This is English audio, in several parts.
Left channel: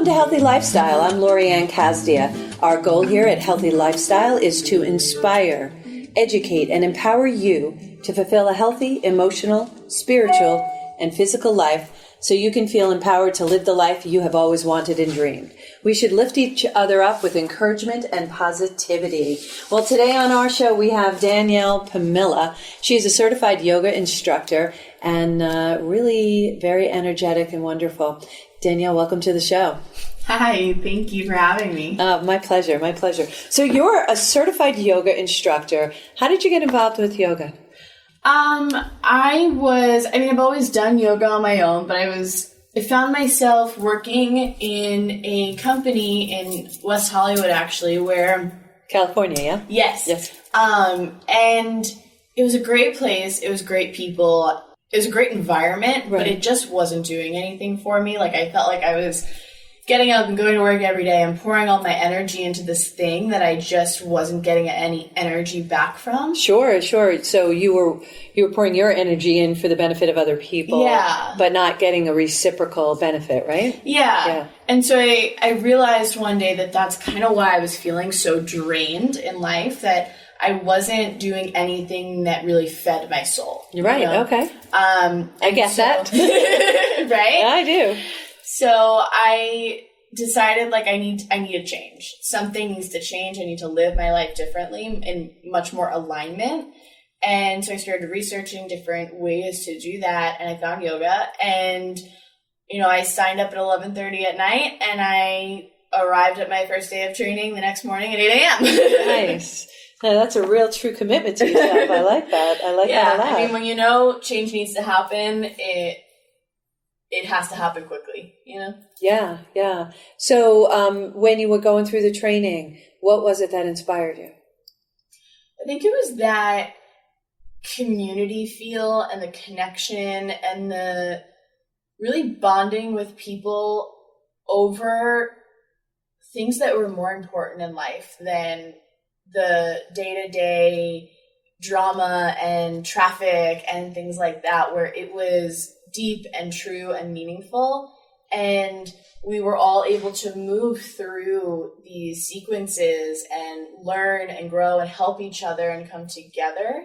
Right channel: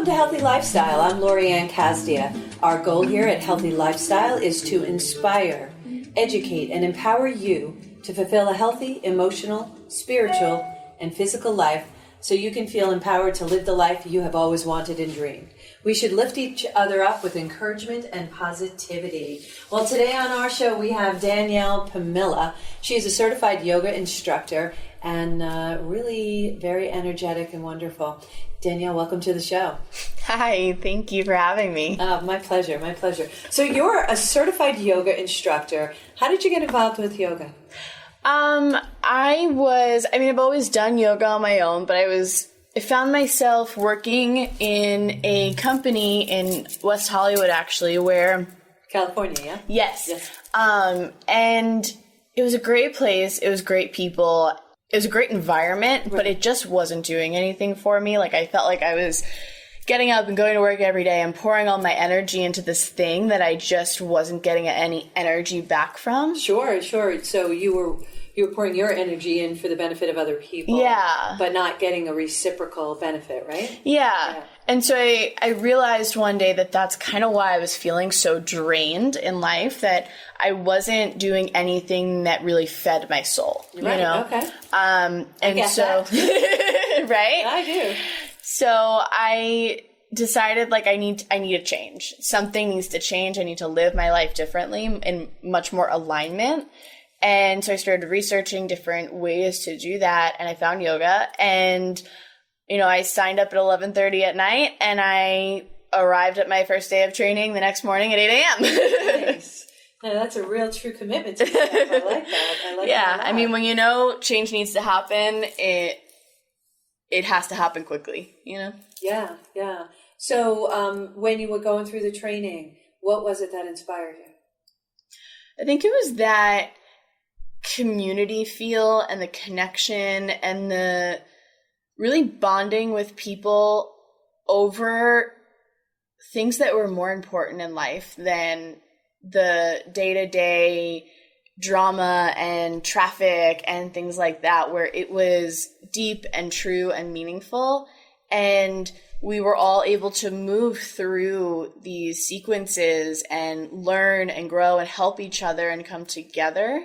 Welcome to Healthy Lifestyle. I'm Lorianne Casdia. Our goal here at Healthy Lifestyle is to inspire, educate, and empower you to fulfill a healthy, emotional, spiritual, and physical life so you can feel empowered to live the life you have always wanted and dreamed. We should lift each other up with encouragement and positivity. Well, today on our show, we have Danielle Pomilla. She is a certified yoga instructor and really very energetic and wonderful. Danielle, welcome to the show. Hi, thank you for having me. My pleasure, my pleasure. So you're a certified yoga instructor. How did you get involved with yoga? I've always done yoga on my own, but I found myself working in a company in West Hollywood, actually, where... California, yeah? Yes. And it was a great place. It was great people. It was a great environment, right. But it just wasn't doing anything for me. Like, I felt like I was getting up and going to work every day and pouring all my energy into this thing that I just wasn't getting any energy back from. Sure. So you were pouring your energy in for the benefit of other people, yeah, but not getting a reciprocal benefit, right? Yeah. And so I realized one day that that's kind of why I was feeling so drained in life, that I wasn't doing anything that really fed my soul. Right, okay. I get that. Right? I do. So I decided, like, I need a change. Something needs to change. I need to live my life differently in much more alignment. And so I started researching different ways to do that, and I found yoga. And, I signed up at 11:30 at night, and I arrived at my first day of training the next morning at 8 a.m. Nice. Now, that's a real true commitment to yourself. I like that. I like that a lot. I mean, when change needs to happen, it has to happen quickly, Yeah. So when you were going through the training, what was it that inspired you? I think it was that community feel and the connection and the really bonding with people over things that were more important in life than the day-to-day drama and traffic and things like that, where it was deep and true and meaningful, and we were all able to move through these sequences and learn and grow and help each other and come together.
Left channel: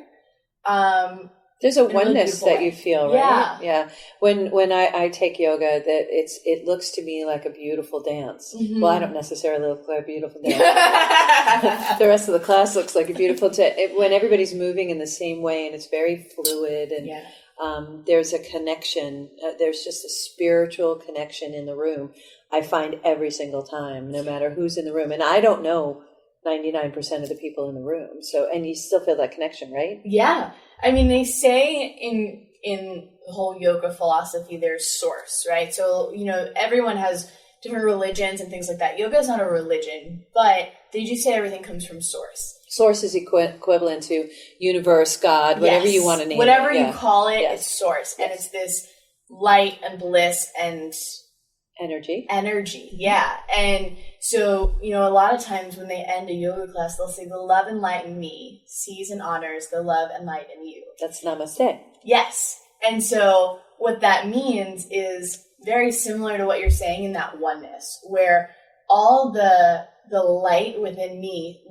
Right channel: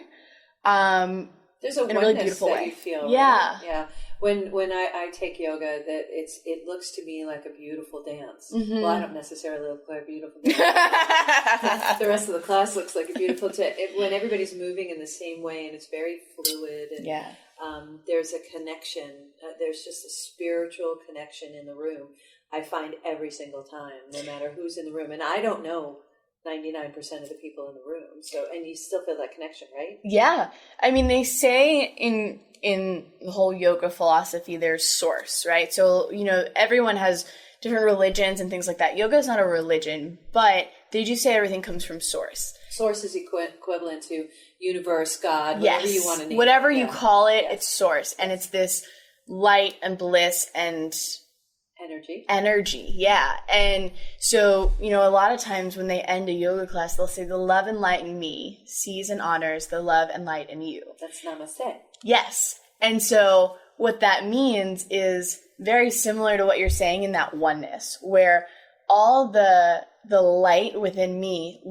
There's a oneness that you feel, right? Yeah. When I take yoga, that it looks to me like a beautiful dance. Mm-hmm. Well, I don't necessarily look like a beautiful dance. The rest of the class looks like a beautiful dance. When everybody's moving in the same way and it's very fluid and there's a connection. There's just a spiritual connection in the room. I find every single time, no matter who's in the room. And I don't know 99% of the people in the room. So, and you still feel that connection, right? Yeah. I mean, they say in the whole yoga philosophy, there's source, right? So, everyone has different religions and things like that. Yoga is not a religion, but they do say everything comes from source. Source is equivalent to universe, God, whatever you want to name it. Whatever you call it, it's source. And it's this light and bliss and energy, yeah. And so, a lot of times when they end a yoga class, they'll say, the love and light in me sees and honors the love and light in you. That's namaste. Yes. And so what that means is very similar to what you're saying in that oneness, where all the light within me,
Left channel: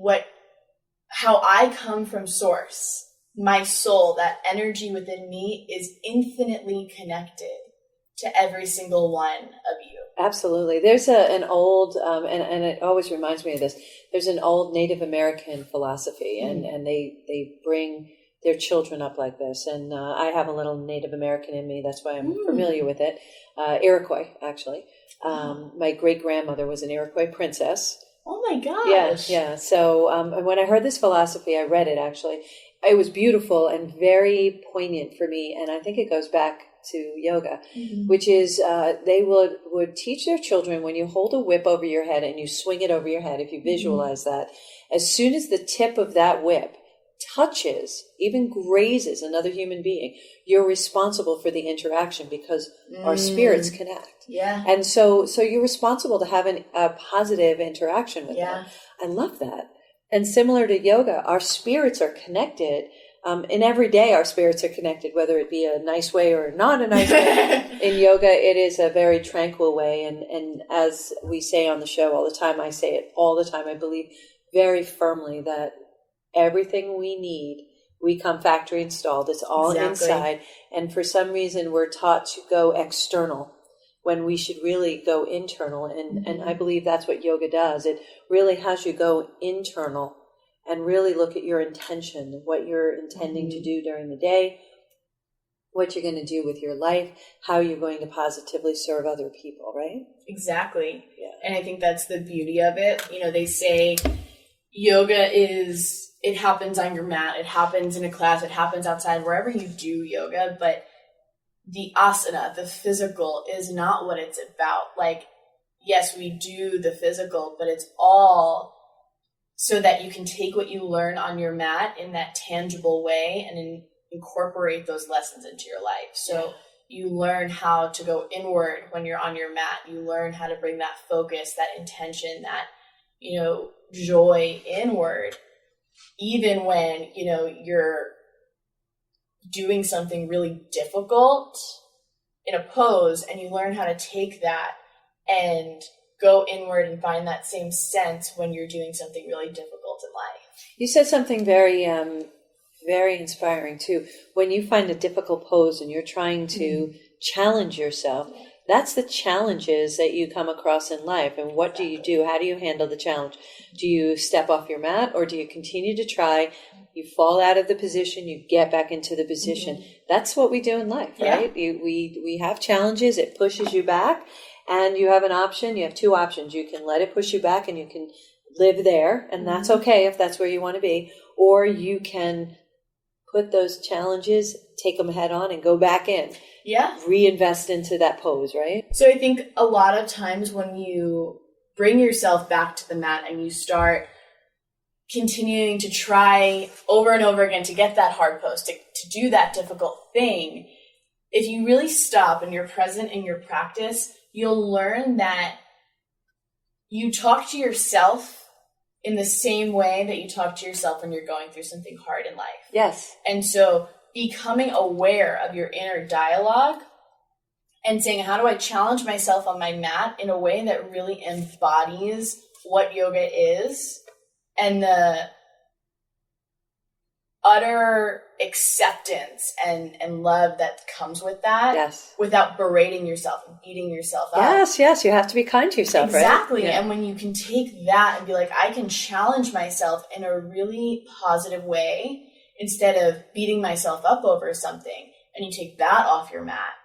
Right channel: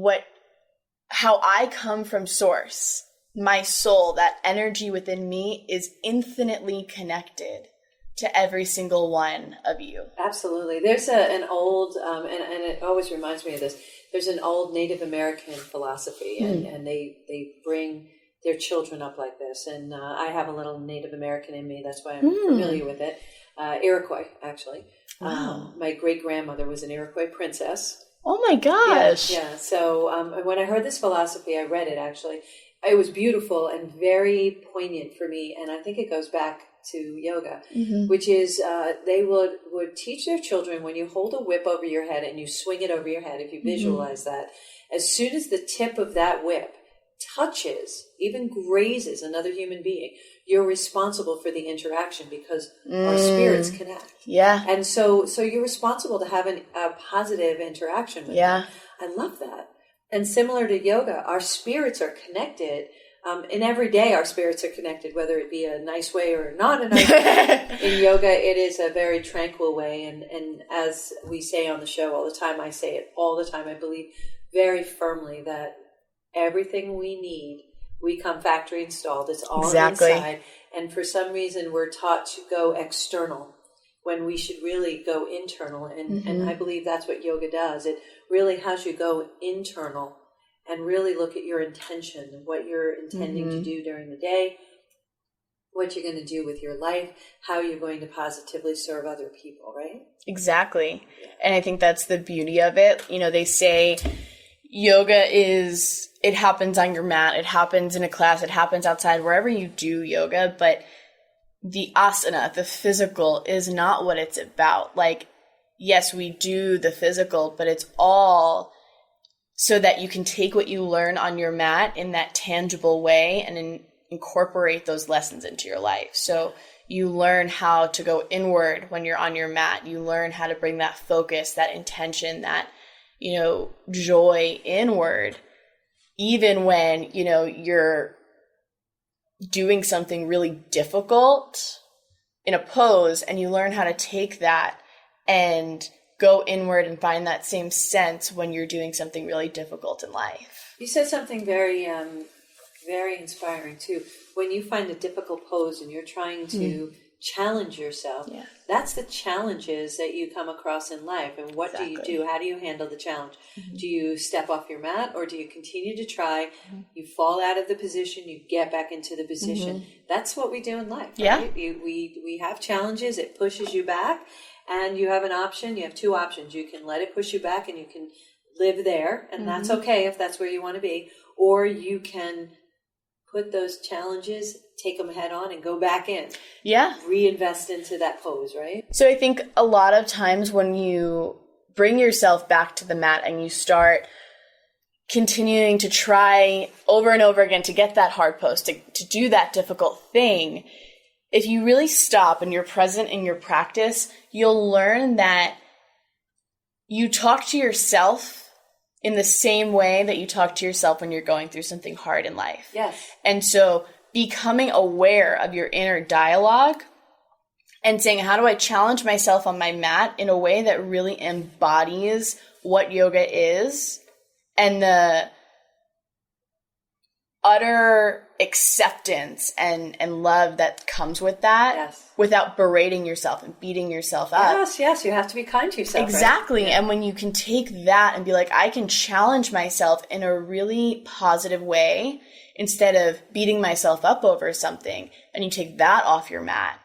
how I come from source, my soul, that energy within me is infinitely connected to every single one of you. Absolutely. There's an old, and it always reminds me of this, there's an old Native American philosophy, and they bring their children up like this. And I have a little Native American in me. That's why I'm familiar with it. Iroquois, actually. Wow. My great-grandmother was an Iroquois princess. Oh my gosh. Yeah. So when I heard this philosophy, I read it, actually. It was beautiful and very poignant for me. And I think it goes back to yoga, which is they would teach their children, when you hold a whip over your head and you swing it over your head, if you visualize that, as soon as the tip of that whip touches, even grazes another human being, you're responsible for the interaction, because our spirits connect. Yeah. And so you're responsible to have a positive interaction with them. I love that. And similar to yoga, our spirits are connected. in every day our spirits are connected, whether it be a nice way or not a nice way. In yoga, it is a very tranquil way. And as we say on the show all the time, I say it all the time, I believe very firmly that everything we need, we come factory installed. It's all inside. And for some reason, we're taught to go external when we should really go internal. And I believe that's what yoga does. It really has you go internal and really look at your intention, what you're intending to do during the day, what you're going to do with your life, how you're going to positively serve other people, right? Exactly. Yeah. And I think that's the beauty of it. You know, they say yoga is, it happens on your mat, it happens in a class, it happens outside, wherever you do yoga, but the asana, the physical, is not what it's about. Like, yes, we do the physical, but it's all so that you can take what you learn on your mat in that tangible way and incorporate those lessons into your life. So you learn how to go inward when you're on your mat. You learn how to bring that focus, that intention, that, you know, joy inward, even when, you know, you're doing something really difficult in a pose, and you learn how to take that and go inward and find that same sense when you're doing something really difficult in life. You said something very, very inspiring too. When you find a difficult pose and you're trying to challenge yourself, that's the challenges that you come across in life. And what do you do? How do you handle the challenge? Do you step off your mat, or do you continue to try? You fall out of the position, you get back into the position. That's what we do in life, right? We have challenges, it pushes you back. And you have an option. You have two options. You can let it push you back and you can live there. And that's okay if that's where you want to be. Or you can put those challenges, take them head on and go back in. Yeah. Reinvest into that pose, right? So I think a lot of times when you bring yourself back to the mat and you start continuing to try over and over again to get that hard pose, to do that difficult thing, if you really stop and you're present in your practice, you'll learn that you talk to yourself in the same way that you talk to yourself when you're going through something hard in life. Yes. And so becoming aware of your inner dialogue and saying, how do I challenge myself on my mat in a way that really embodies what yoga is, and the utter acceptance and love that comes with that, without berating yourself and beating yourself up. Yes, you have to be kind to yourself, exactly. Right? And when you can take that and be like, I can challenge myself in a really positive way instead of beating myself up over something, and you take that off your mat,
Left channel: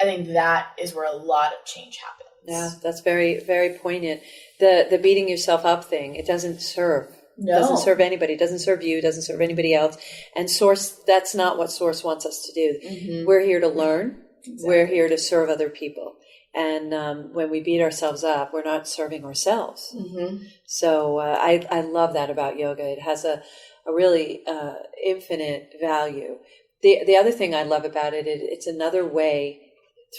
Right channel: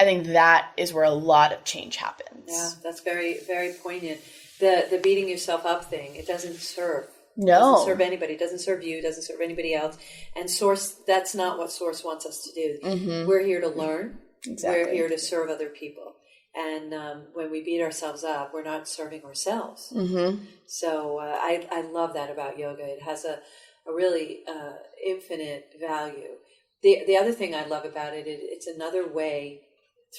I think that is where a lot of change happens. Yeah, that's very, very poignant. The beating yourself up thing, it doesn't serve. No. It doesn't serve anybody. It doesn't serve you. It doesn't serve anybody else. And Source, that's not what Source wants us to do. We're here to learn. Exactly. We're here to serve other people. And when we beat ourselves up, we're not serving ourselves. So I love that about yoga. It has a really infinite value. The other thing I love about it, it's another way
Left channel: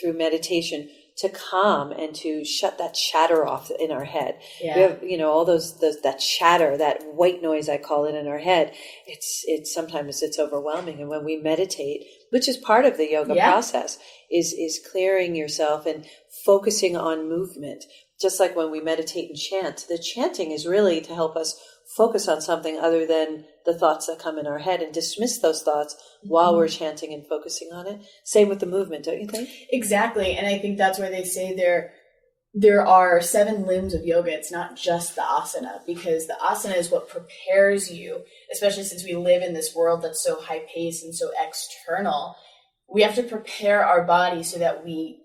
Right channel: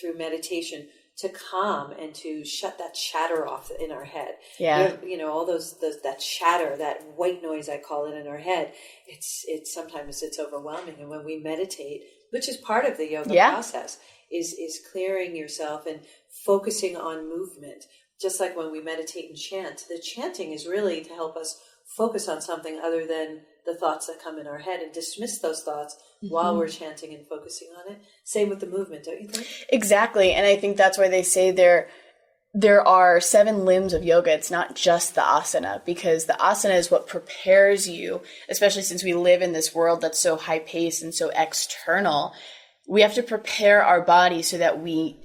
through meditation to calm and to shut that chatter off in our head. Yeah. You have, all those that chatter, that white noise, I call it, in our head. It's sometimes it's overwhelming. And when we meditate, which is part of the yoga process, is clearing yourself and focusing on movement. Just like when we meditate and chant, the chanting is really to help us focus on something other than the thoughts that come in our head, and dismiss those thoughts while we're chanting and focusing on it. Same with the movement, don't you think? Exactly. And I think that's why they say there are 7 limbs of yoga. It's not just the asana, because the asana is what prepares you, especially since we live in this world that's so high paced and so external. We have to prepare our body so that we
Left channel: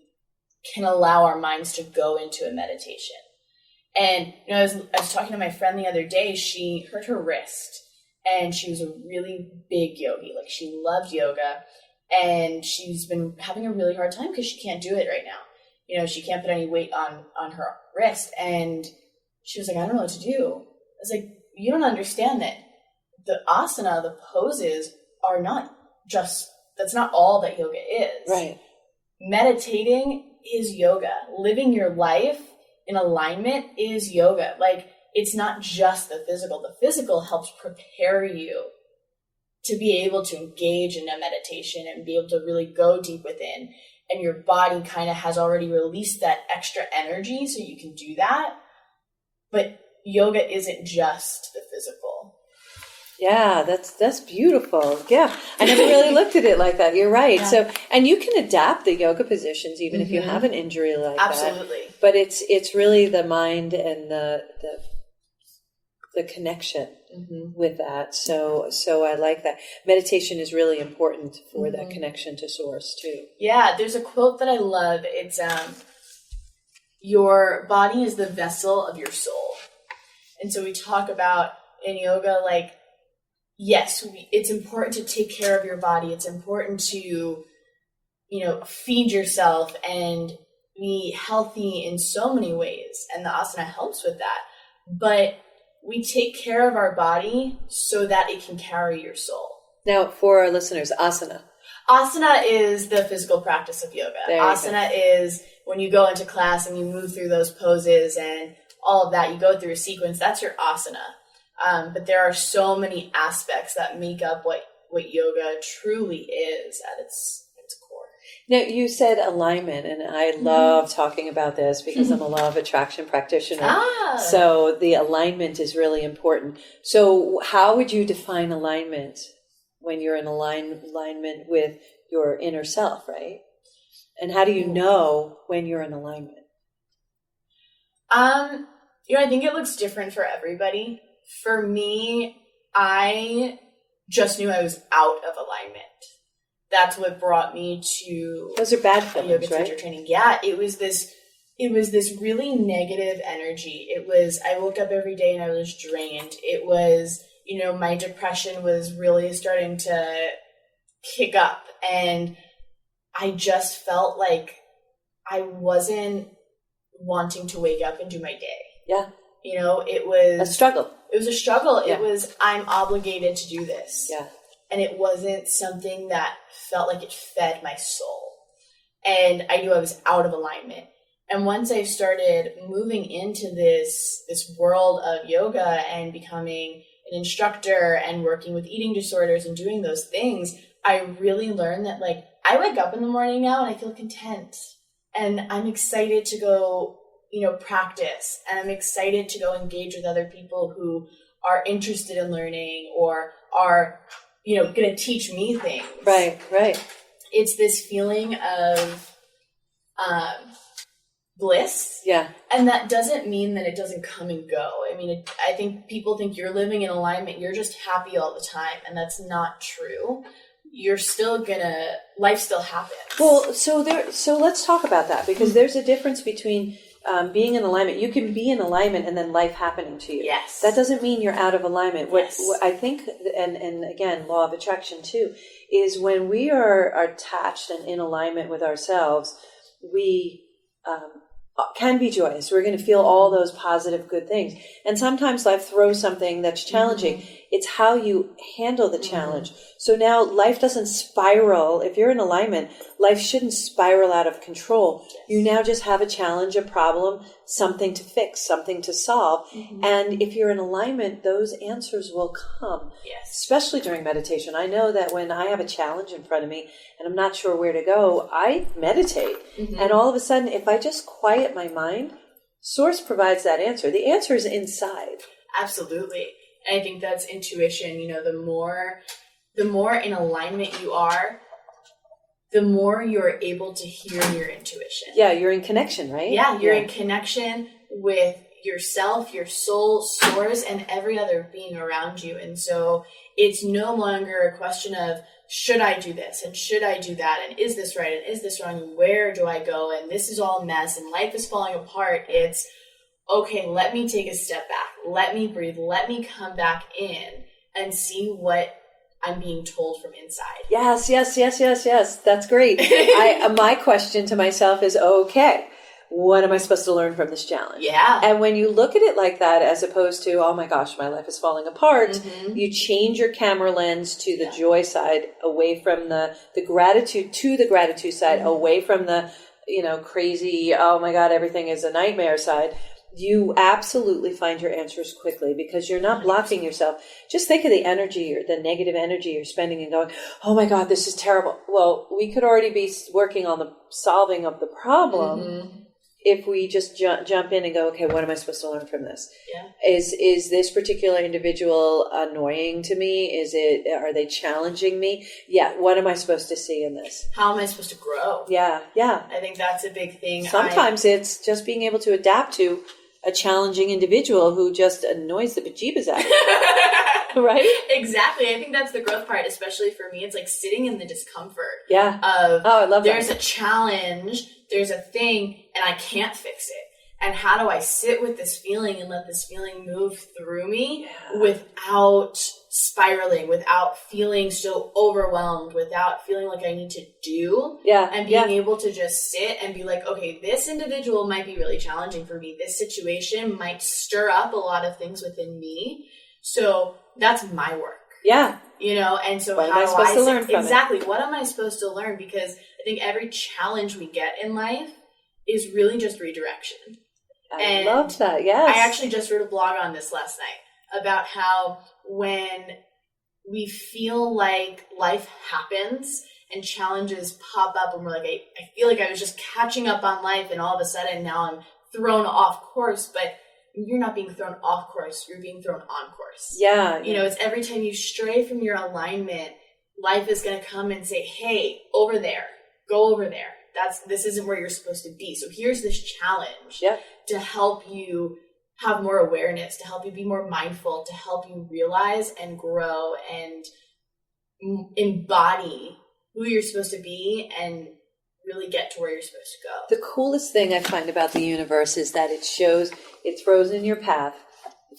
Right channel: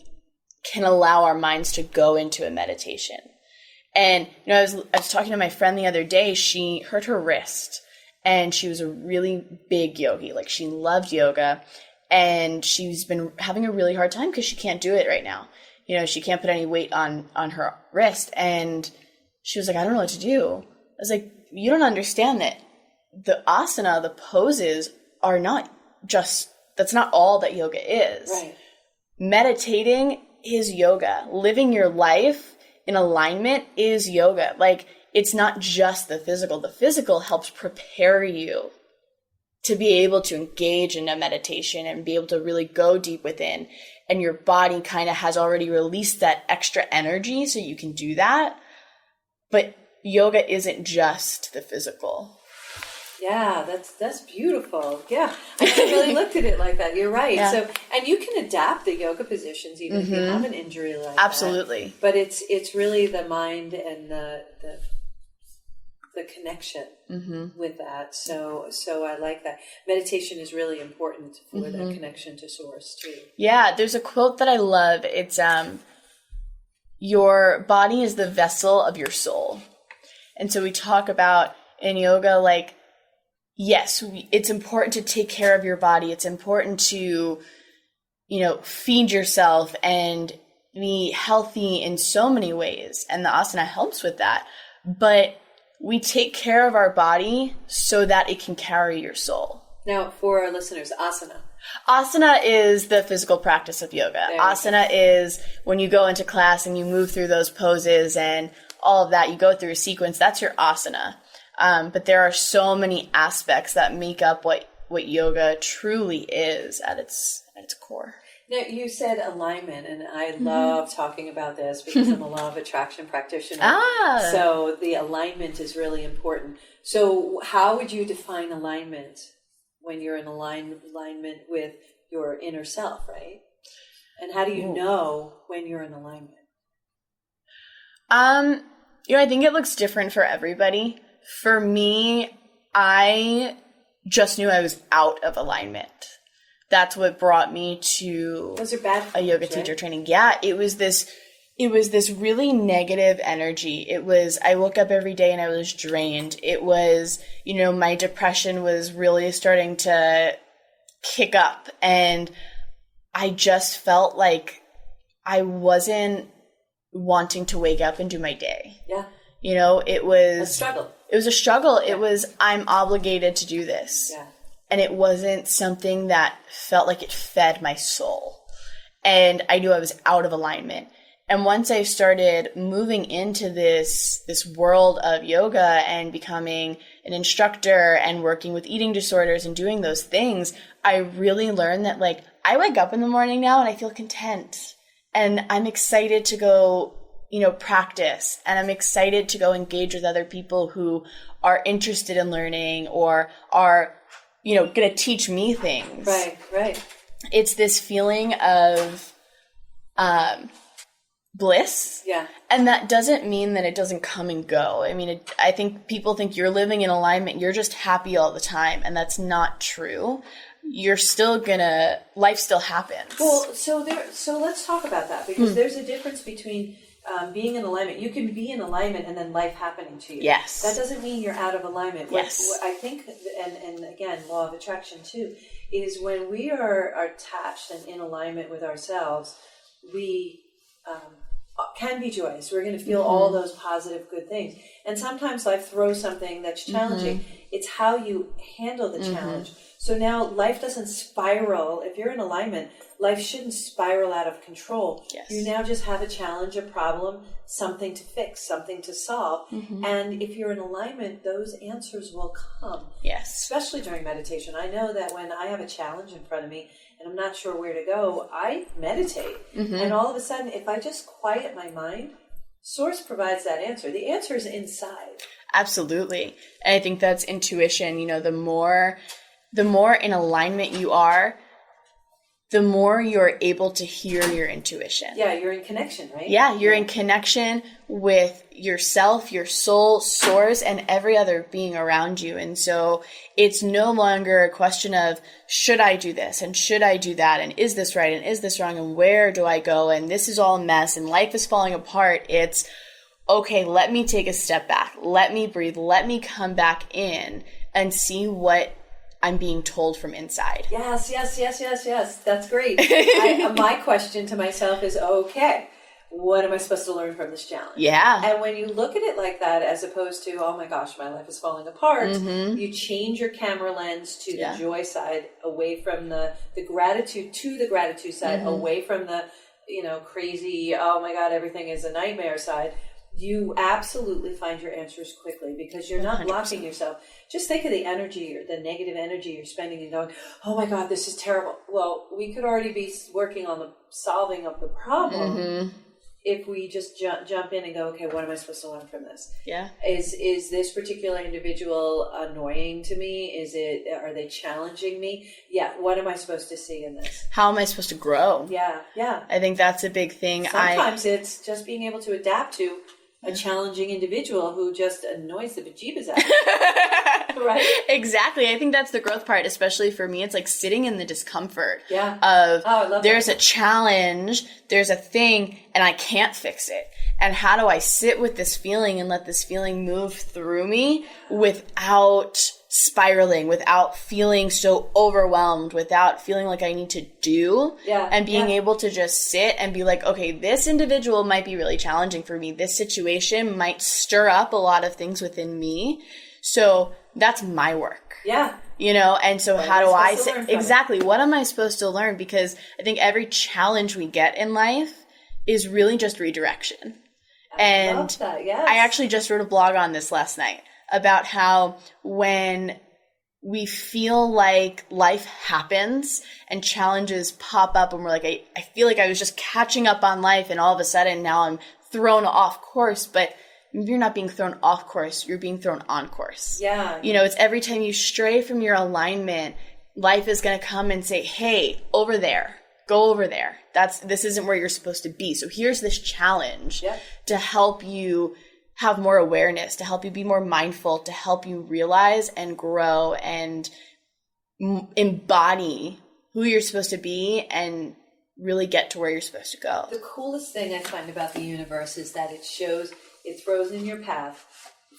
can allow our minds to go into a meditation. And I was talking to my friend the other day. She hurt her wrist, and she was a really big yogi. Like, she loved yoga, and she's been having a really hard time because she can't do it right now. She can't put any weight on her wrist. And she was like, I don't know what to do. I was like, you don't understand that the asana, the poses, are not just, that's not all that yoga is. Right. Meditating is yoga. Living your life in alignment is yoga. Like, it's not just the physical. The physical helps prepare you to be able to engage in a meditation and be able to really go deep within, and your body kind of has already released that extra energy so you can do that. But yoga isn't just the physical. Yeah, that's beautiful. Yeah, I never really looked at it like that. You're right. Yeah. So, and you can adapt the yoga positions even if you have an injury like that. Absolutely. But it's really the mind and the connection with that. So I like that. Meditation is really important for that connection to source too. Yeah, there's a quote that I love. It's your body is the vessel of your soul. And so we talk about in yoga, like, yes, it's important to take care of your body. It's important to, feed yourself and be healthy in so many ways. And the asana helps with that. But we take care of our body so that it can carry your soul. Now, for our listeners, asana. Asana is the physical practice of yoga. Asana is when you go into class and you move through those poses and all of that. You go through a sequence. That's your asana. But there are so many aspects that make up what yoga truly is at its core. Now, you said alignment, and I love talking about this because I'm a law of attraction practitioner. So the alignment is really important. So how would you define alignment when you're in alignment with your inner self, right? And how do you know when you're in alignment? I think it looks different for everybody. For me, I just knew I was out of alignment. That's what brought me to Those are bad feelings, a yoga teacher training. Yeah, it was this really negative energy. I woke up every day and I was drained. It was, my depression was really starting to kick up, and I just felt like I wasn't wanting to wake up and do my day. Yeah. It was a struggle. It was a struggle. Yeah. It was, I'm obligated to do this. Yeah. And it wasn't something that felt like it fed my soul. And I knew I was out of alignment. And once I started moving into this world of yoga and becoming an instructor and working with eating disorders and doing those things, I really learned that, like, I wake up in the morning now and I feel content. And I'm excited to go practice, and I'm excited to go engage with other people who are interested in learning or are, going to teach me things. Right. It's this feeling of bliss. Yeah. And that doesn't mean that it doesn't come and go. I mean, I think people think you're living in alignment, you're just happy all the time, and that's not true. Life still happens. Well, so let's talk about that, because there's a difference between being in alignment. You can be in alignment and then life happening to you. Yes. That doesn't mean you're out of alignment. Yes. What I think, and again, law of attraction too, is when we are attached and in alignment with ourselves, we can be joyous. We're going to feel all those positive, good things. And sometimes life throws something that's challenging. It's how you handle the challenge. So now life doesn't spiral. If you're in alignment, life shouldn't spiral out of control. Yes. You now just have a challenge, a problem, something to fix, something to solve. And if you're in alignment, those answers will come. Yes. Especially during meditation. I know that when I have a challenge in front of me and I'm not sure where to go, I meditate. And all of a sudden, if I just quiet my mind, Source provides that answer. The answer is inside. Absolutely. And I think that's intuition. The more in alignment you are, the more you're able to hear your intuition. Yeah, you're in connection, right? Yeah, you're in connection with yourself, your soul, source, and every other being around you. And so it's no longer a question of, should I do this and should I do that, and is this right and is this wrong and where do I go, and this is all a mess and life is falling apart. It's, okay, let me take a step back. Let me breathe. Let me come back in and see what I'm being told from inside. Yes. That's great. My question to myself is, okay, what am I supposed to learn from this challenge? Yeah. And when you look at it like that, as opposed to, oh my gosh, my life is falling apart, you change your camera lens to the joy side, away from the gratitude, to the gratitude side, away from the, crazy, oh my God, everything is a nightmare side. You absolutely find your answers quickly because you're not 100%. blocking yourself. Just think of the energy or the negative energy you're spending and going, oh my God, this is terrible. Well, we could already be working on the solving of the problem if we just jump in and go, okay, what am I supposed to learn from this? Yeah. Is this particular individual annoying to me? Are they challenging me? Yeah. What am I supposed to see in this? How am I supposed to grow? Yeah. Yeah. I think that's a big thing. Sometimes it's just being able to adapt to a challenging individual who just annoys the bejeebus out of you. Right? Exactly. I think that's the growth part, especially for me. It's like sitting in the discomfort of I love there's that. a challenge, there's a thing, and I can't fix it. And how do I sit with this feeling and let this feeling move through me without spiraling, without feeling so overwhelmed, without feeling like I need to do, and being able to just sit and be like, okay, this individual might be really challenging for me. This situation might stir up a lot of things within me. So that's my work. Yeah. You know, and so What how do I learn from exactly what am I supposed to learn? Because I think every challenge we get in life is really just redirection. I love that. Yes. I actually just wrote a blog on this last night about how when we feel like life happens and challenges pop up and we're like, I feel like I was just catching up on life and all of a sudden now I'm thrown off course, but you're not being thrown off course, you're being thrown on course. Yeah. You know, it's every time you stray from your alignment, life is going to come and say, hey, over there, go over there. This isn't where you're supposed to be. So here's this challenge to help you have more awareness, to help you be more mindful, to help you realize and grow and embody who you're supposed to be and really get to where you're supposed to go. The coolest thing I find about the universe is that it throws in your path.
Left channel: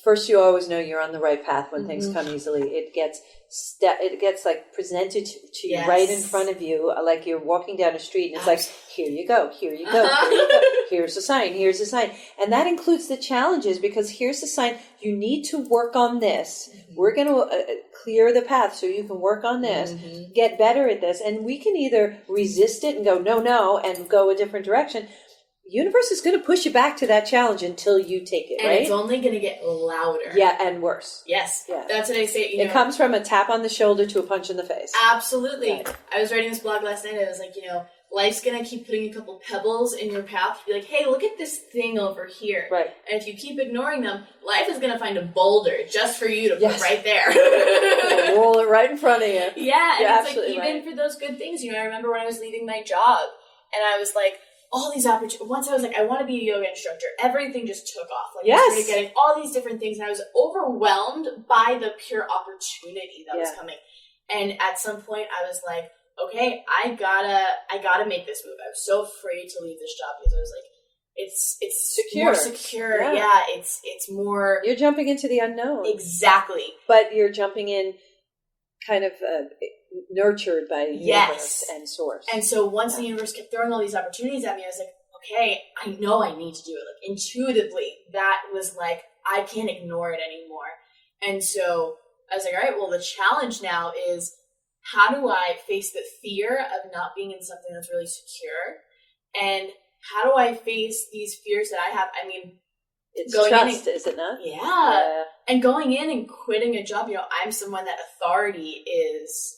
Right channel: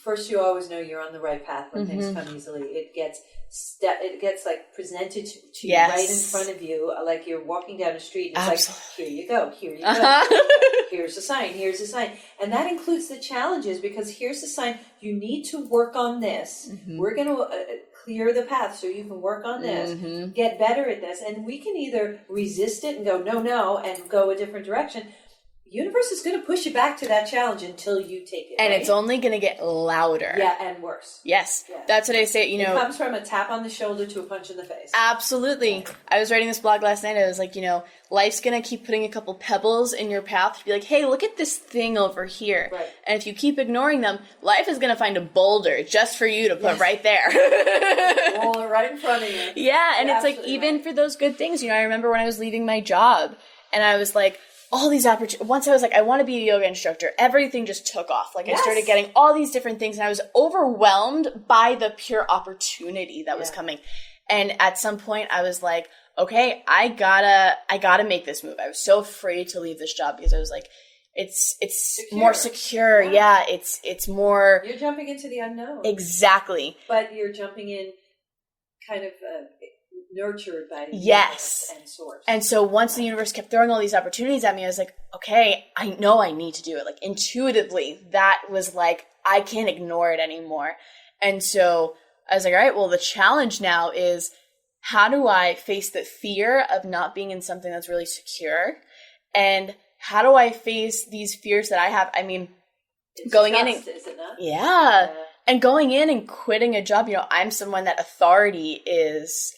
First, you always know you're on the right path when things come easily. It gets like presented to you right in front of you, like you're walking down a street, and it's like, here you go, here you go, here you go. Here's a sign, here's a sign. And that includes the challenges, because here's the sign, you need to work on this. We're going to clear the path so you can work on this, get better at this. And we can either resist it and go, no, and go a different direction. Universe is going to push you back to that challenge until you take it, and right? it's only going to get louder. Yeah, and worse. Yes. Yeah. That's what I say. You know, it comes from a tap on the shoulder to a punch in the face. Absolutely. Yeah. I was writing this blog last night. I was like, you know, life's going to keep putting a couple pebbles in your path to be like, hey, look at this thing over here. Right. And if you keep ignoring them, life is going to find a boulder just for you to put right there. Roll it right in front of you. Yeah. And You're it's like, even for those good things, you know, I remember when I was leaving my job and I was like, all these opportunities. Once I was like, I want to be a yoga instructor. Everything just took off. Like I started getting all these different things, and I was overwhelmed by the pure opportunity that was coming. And at some point, I was like, okay, I gotta make this move. I was so afraid to leave this job because I was like, it's secure. More secure. Yeah, it's more. You're jumping into the unknown. Exactly. But you're jumping in, kind of. Nurtured by the universe and source. And so once the universe kept throwing all these opportunities at me, I was like, okay, I know I need to do it. Like intuitively, that was like, I can't ignore it anymore. And so I was like, all right, well, the challenge now is how do I face the fear of not being in something that's really secure? And how do I face these fears that I have? I mean, it's going trust, in, is it not? Yeah. And going in and quitting a job, you know, I'm someone that authority is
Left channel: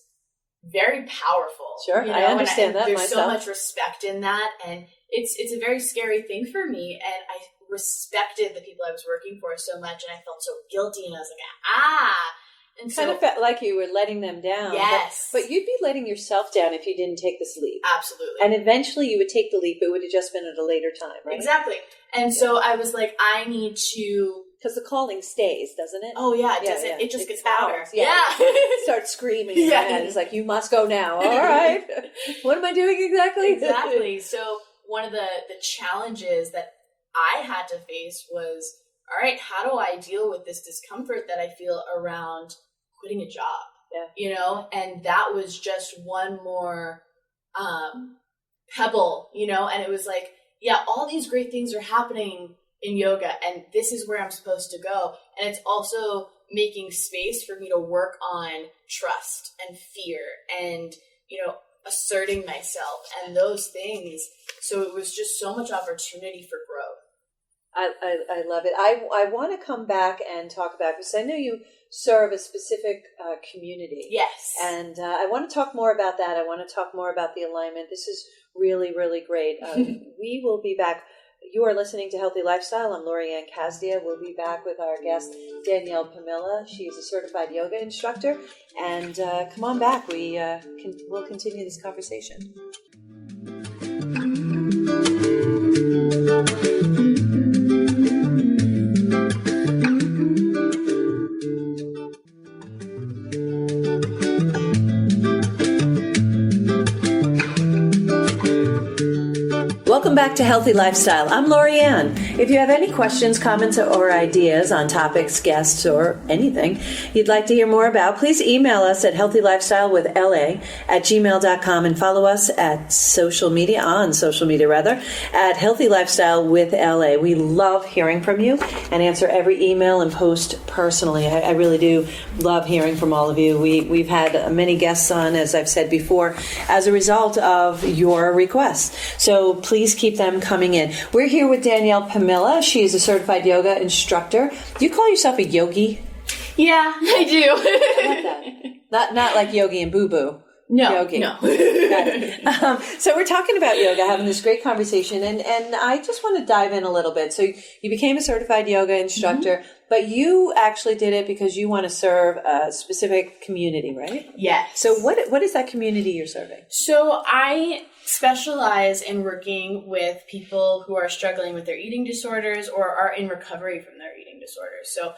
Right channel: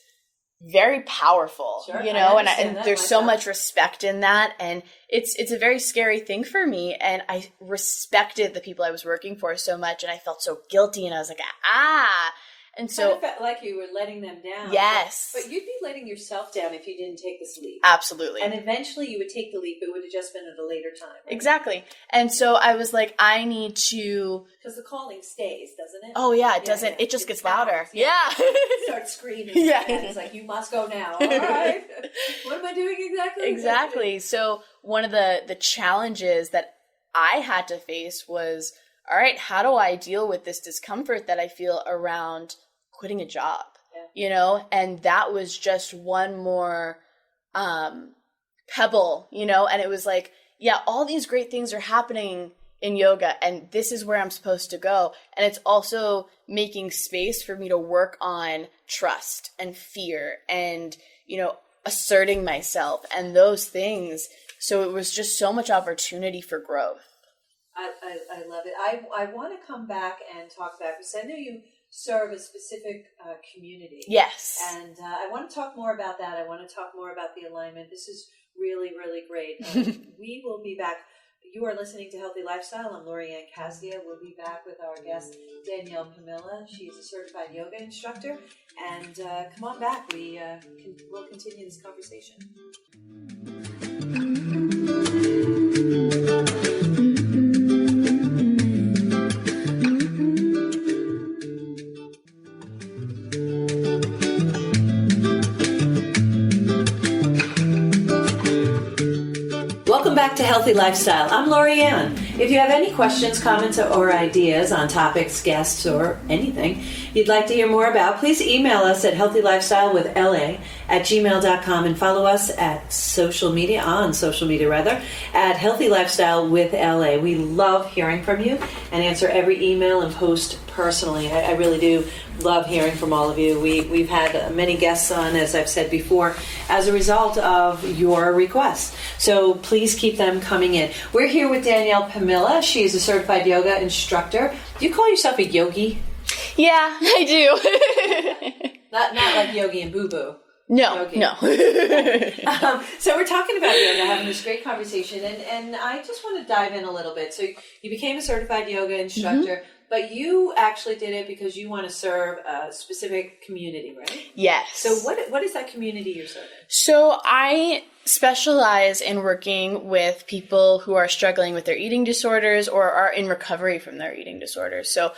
very powerful. Sure, you know, I understand and that there's myself. so much respect in that, and it's a very scary thing for me. And I respected the people I was working for so much, and I felt so guilty, and I was like, and so kind of felt like you were letting them down. Yes, but you'd be letting yourself down if you didn't take this leap. Absolutely. And eventually, you would take the leap. It would have just been at a later time, right? Exactly. And so I was like, I need to, because the calling stays, doesn't it? Oh yeah, it doesn't. It just gets louder. Yeah. Start screaming. And it's like, you must go now. All right. What am I doing exactly? Exactly. So one of the challenges that I had to face was, all right, how do I deal with this discomfort that I feel around quitting a job? Yeah. You know, and that was just one more pebble, you know, and it was like, yeah, all these great things are happening in yoga, and this is where I'm supposed to go. And it's also making space for me to work on trust and fear and, you know, asserting myself and those things. So it was just so much opportunity for growth. I love it. I want to come back and talk about, because I know you serve a specific community. Yes. And I want to talk more about that. I want to talk more about the alignment. This is really, really great. We will be back. You are listening to Healthy Lifestyle. I'm Lorianne Casdia. We'll be back with our guest, Danielle Pomilla. She's a certified yoga instructor. And come on back. We'll continue this conversation. Welcome back to Healthy Lifestyle. I'm Lorianne. If you have any questions, comments, or ideas on topics, guests, or anything you'd like to hear more about, please email us at healthylifestylewithla@gmail.com and follow us at social media, at Healthy Lifestyle with LA. We love hearing from you and answer every email and post personally. I really do love hearing from all of you. We've had many guests on, as I've said before, as a result of your requests. So please keep them coming in. We're here with Danielle Pomilla. She is a certified yoga instructor. Do you call yourself a yogi? Yeah, I do. Not like yogi and boo-boo. No, yogi. no. So we're talking about yoga, having this great conversation, and I just want to dive in a little bit. So you became a certified yoga instructor, but you actually did it because you want to serve a specific community, right? Yes. So what is that community you're serving? So I specialize in working with people who are struggling with their eating disorders or are in recovery from their eating disorders. So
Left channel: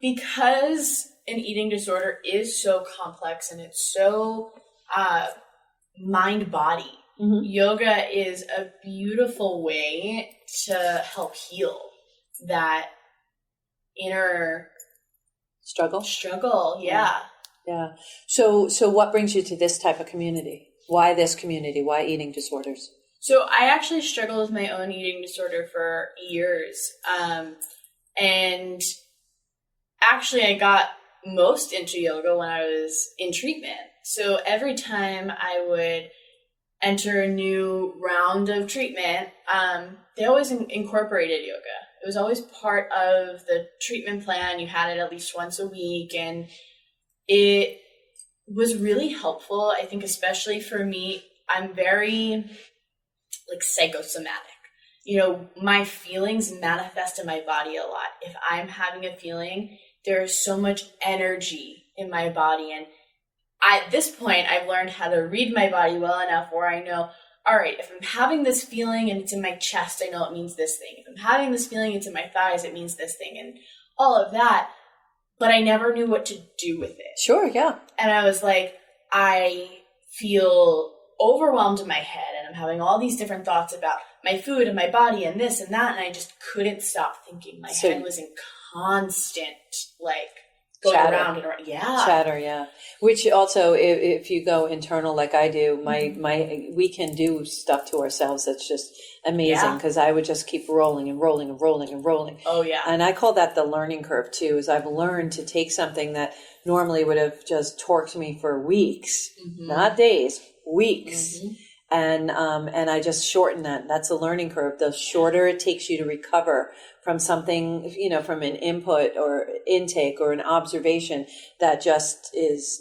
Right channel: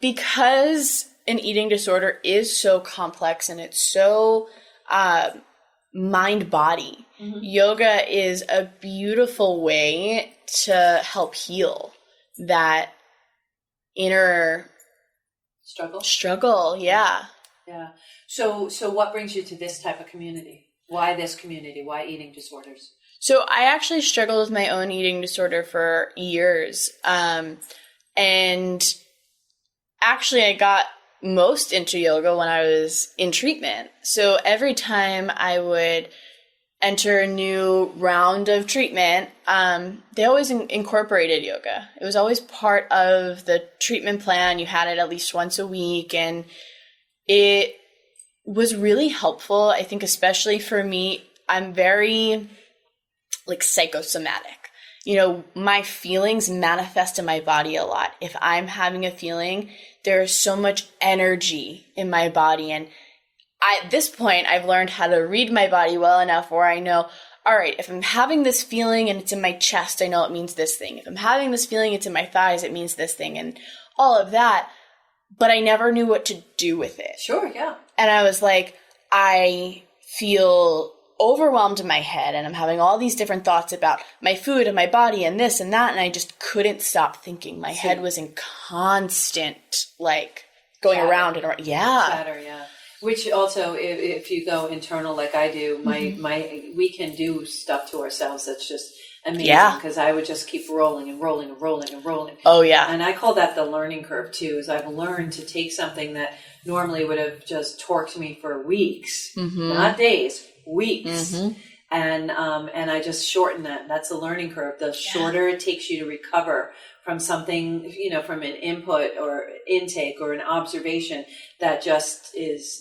because an eating disorder is so complex and it's so mind-body, yoga is a beautiful way to help heal that inner struggle. Yeah. So what brings you to this type of community? Why this community? Why eating disorders? So I actually struggled with my own eating disorder for years. And actually I got most into yoga when I was in treatment. So every time I would enter a new round of treatment, they always incorporated yoga. It was always part of the treatment plan. You had it at least once a week, and it was really helpful. I think especially for me, I'm very psychosomatic. My feelings manifest in my body a lot. If I'm having a feeling, there's so much energy in my body. And at this point, I've learned how to read my body well enough where I know, all right, if I'm having this feeling and it's in my chest, I know it means this thing. If I'm having this feeling, it's in my thighs, it means this thing, and all of that. But I never knew what to do with it. Sure, yeah. And I was like, I feel overwhelmed in my head and I'm having all these different thoughts about my food and my body and this and that, and I just couldn't stop thinking. My head was in constant going chatter. around and around. Yeah. Chatter, yeah. Which also, if you go internal like I do, we can do stuff to ourselves that's just amazing, because I would just keep rolling and rolling and rolling and rolling. Oh, yeah. And I call that the learning curve, too, is I've learned to take something that normally would have just torqued me for weeks, not days, weeks. And I just shorten that. That's a learning curve. The shorter it takes you to recover from something, from an input or intake or an observation that just is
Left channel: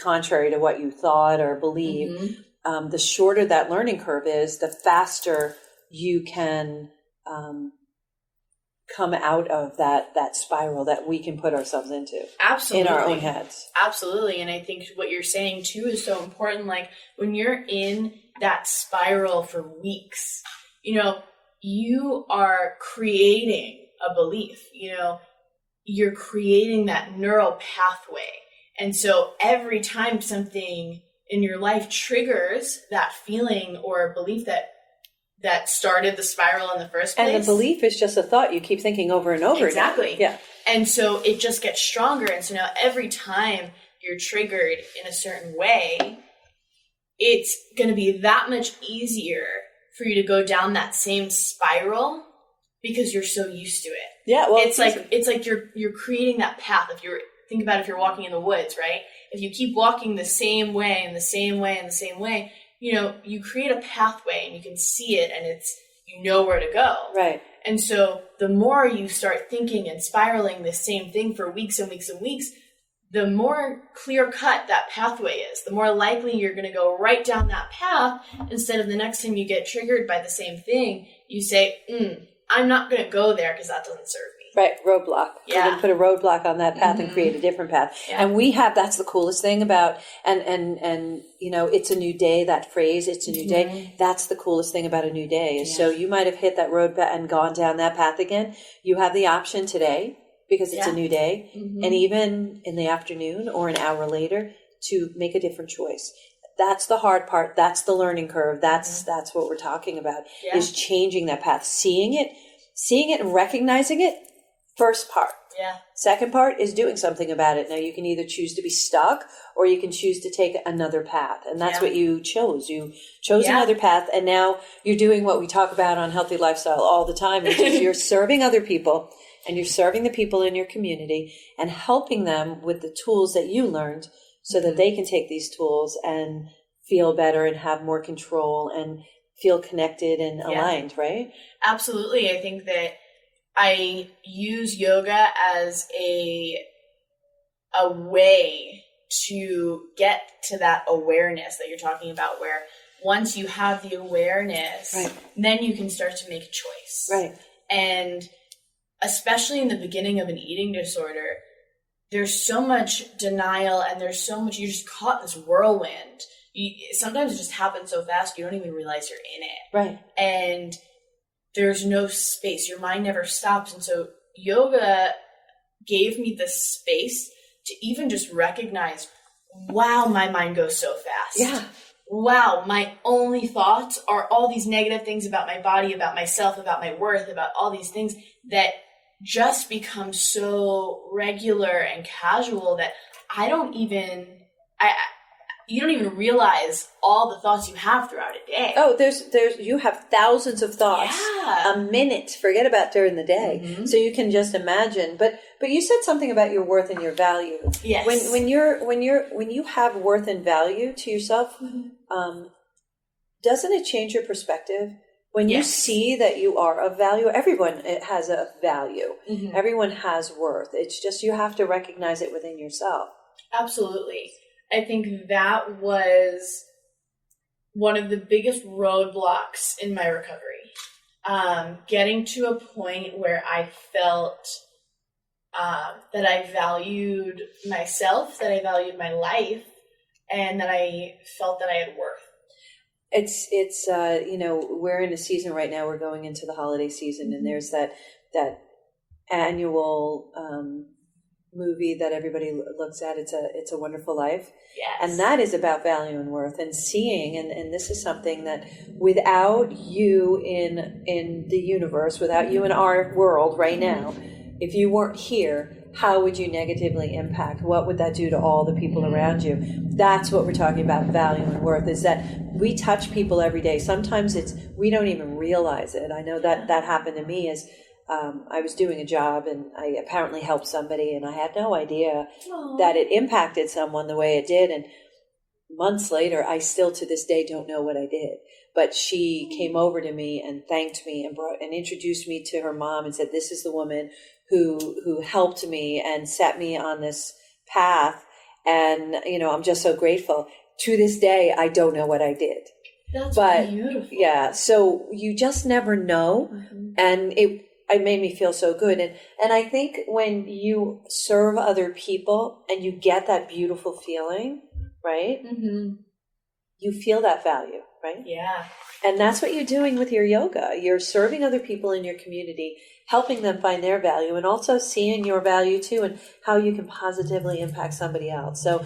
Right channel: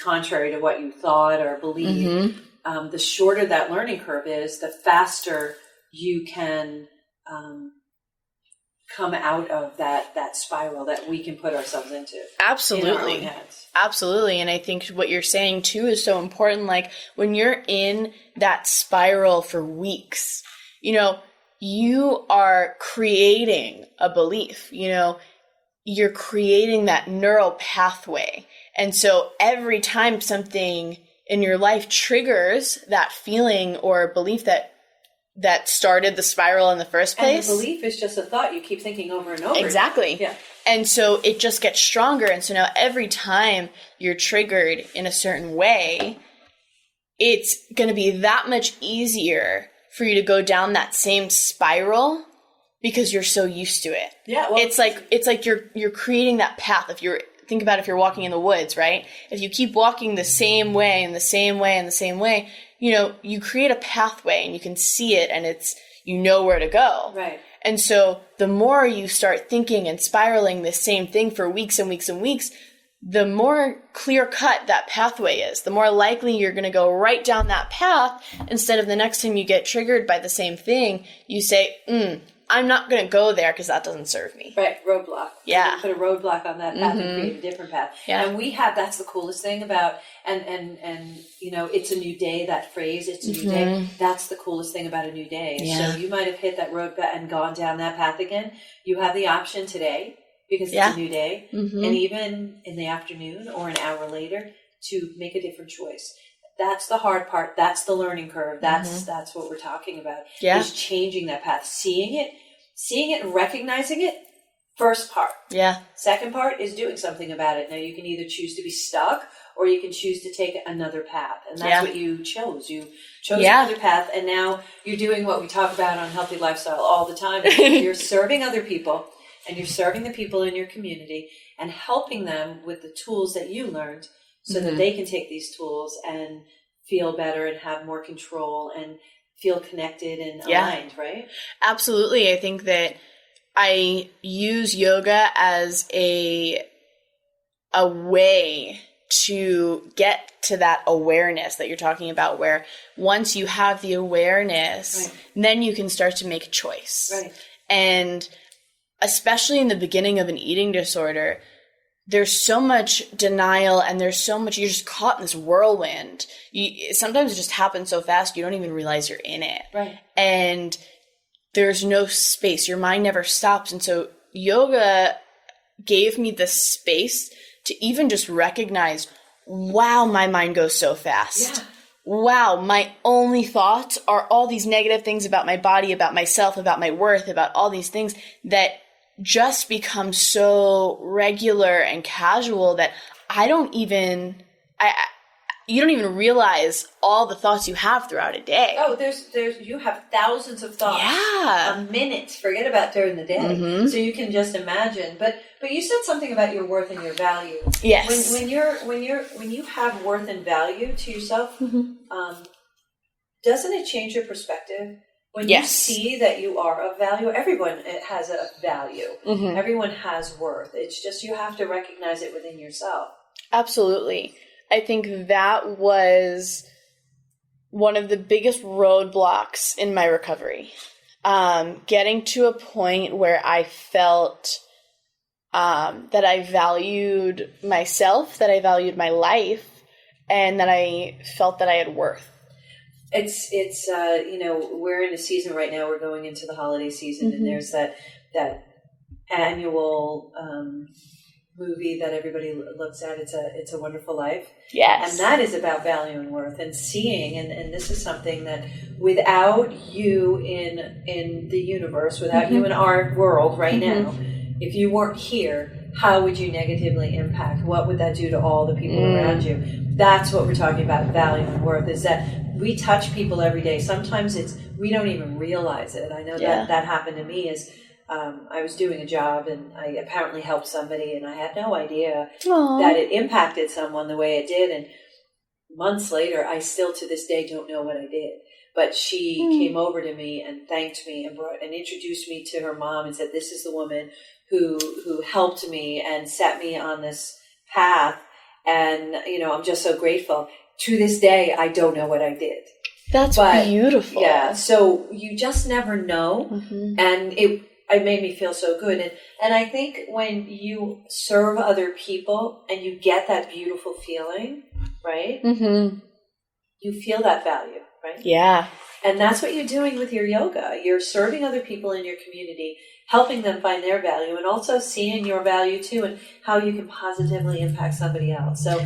contrary to what you thought or believed. The shorter that learning curve is, the faster you can come out of that spiral that we can put ourselves into. Absolutely. In our own heads. Absolutely. And I think what you're saying too is so important. Like when you're in that spiral for weeks, you are creating a belief, you're creating that neural pathway. And so every time something in your life triggers that feeling or belief that started the spiral in the first place. And the belief is just a thought you keep thinking over and over Exactly. again. Yeah. And so it just gets stronger. And so now every time you're triggered in a certain way, it's going to be that much easier for you to go down that same spiral because you're so used to it. Yeah. Well, it's like you're creating that path. Think about if you're walking in the woods, right? If you keep walking the same way and the same way and the same way, you create a pathway and you can see it, and it's, you know where to go. Right. And so the more you start thinking and spiraling the same thing for weeks and weeks and weeks, the more clear cut that pathway is, the more likely you're going to go right down that path, instead of the next time you get triggered by the same thing, you say, I'm not going to go there because that doesn't serve me. Right. Roadblock. Yeah. We're going to put a roadblock on that path and create a different path. Yeah. And that's the coolest thing about, and it's a new day, that phrase, it's a new day. That's the coolest thing about a new day. Yeah. So you might have hit that road and gone down that path again. You have the option today, because it's a new day, and even in the afternoon or an hour later, to make a different choice. That's the hard part. That's the learning curve. That's what we're talking about, is changing that path, seeing it and recognizing it. First part. Yeah. Second part is doing something about it. Now you can either choose to be stuck, or you can choose to take another path. And that's what you chose. You chose another path, and now you're doing what we talk about on Healthy Lifestyle all the time. You're serving other people, and you're serving the people in your community and helping them with the tools that you learned, so that they can take these tools and feel better and have more control and feel connected and aligned, right? Absolutely. I think that I use yoga as a way to get to that awareness that you're talking about, where once you have the awareness, then you can start to make a choice. Right. And especially in the beginning of an eating disorder, there's so much denial, and there's so much, you're just caught in this whirlwind. Sometimes it just happens so fast, you don't even realize you're in it. Right. And there's no space. Your mind never stops. And so yoga gave me the space to even just recognize, wow, my mind goes so fast. Yeah. Wow, my only thoughts are all these negative things about my body, about myself, about my worth, about all these things that just become so regular and casual that you don't even realize all the thoughts you have throughout a day. Oh, you have thousands of thoughts a minute. Forget about during the day. So you can just imagine. But you said something about your worth and your value. Yes. When you have worth and value to yourself, doesn't it change your perspective? When you see that you are of value, everyone has a value. Everyone has worth. It's just you have to recognize it within yourself. Absolutely. I think that was one of the biggest roadblocks in my recovery. Getting to a point where I felt that I valued myself, that I valued my life, and that I felt that I had worth. It's we're in a season right now. We're going into the holiday season, and there's that annual movie that everybody looks at. It's a Wonderful Life. Yes. And that is about value and worth, and seeing, and this is something that without you in the universe, without you in our world right now, if you weren't here, how would you negatively impact? What would that do to all the people around you? That's what we're talking about, value and worth, is that we touch people every day. Sometimes we don't even realize it. I know that happened to me as I was doing a job, and I apparently helped somebody, and I had no idea that it impacted someone the way it did. And months later, I still to this day don't know what I did. But she came over to me and thanked me and introduced me to her mom and said, "This is the woman who helped me and set me on this path. And, I'm just so grateful." To this day, I don't know what I did. That's beautiful. Yeah. So you just never know. And it made me feel so good. And I think when you serve other people and you get that beautiful feeling, right? You feel that value, right? Yeah. And that's what you're doing with your yoga. You're serving other people in your community, helping them find their value, and also seeing your value too, and how you can positively impact somebody else. So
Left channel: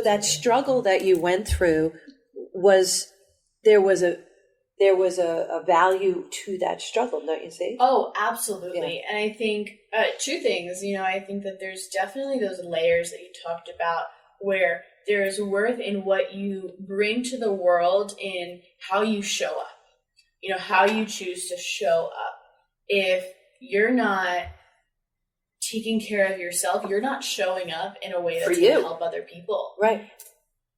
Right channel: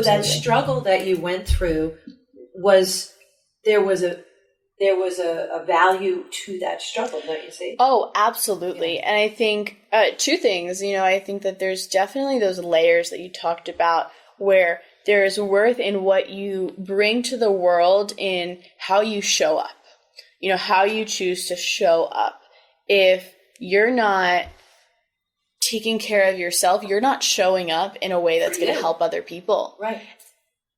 that struggle that you went through there was a value to that struggle, don't you see? Oh, absolutely. Yeah. And I think two things. I think that there's definitely those layers that you talked about, where there is worth in what you bring to the world, in how you show up. How you choose to show up. If you're not taking care of yourself, you're not showing up in a way that's going to help other people. Right.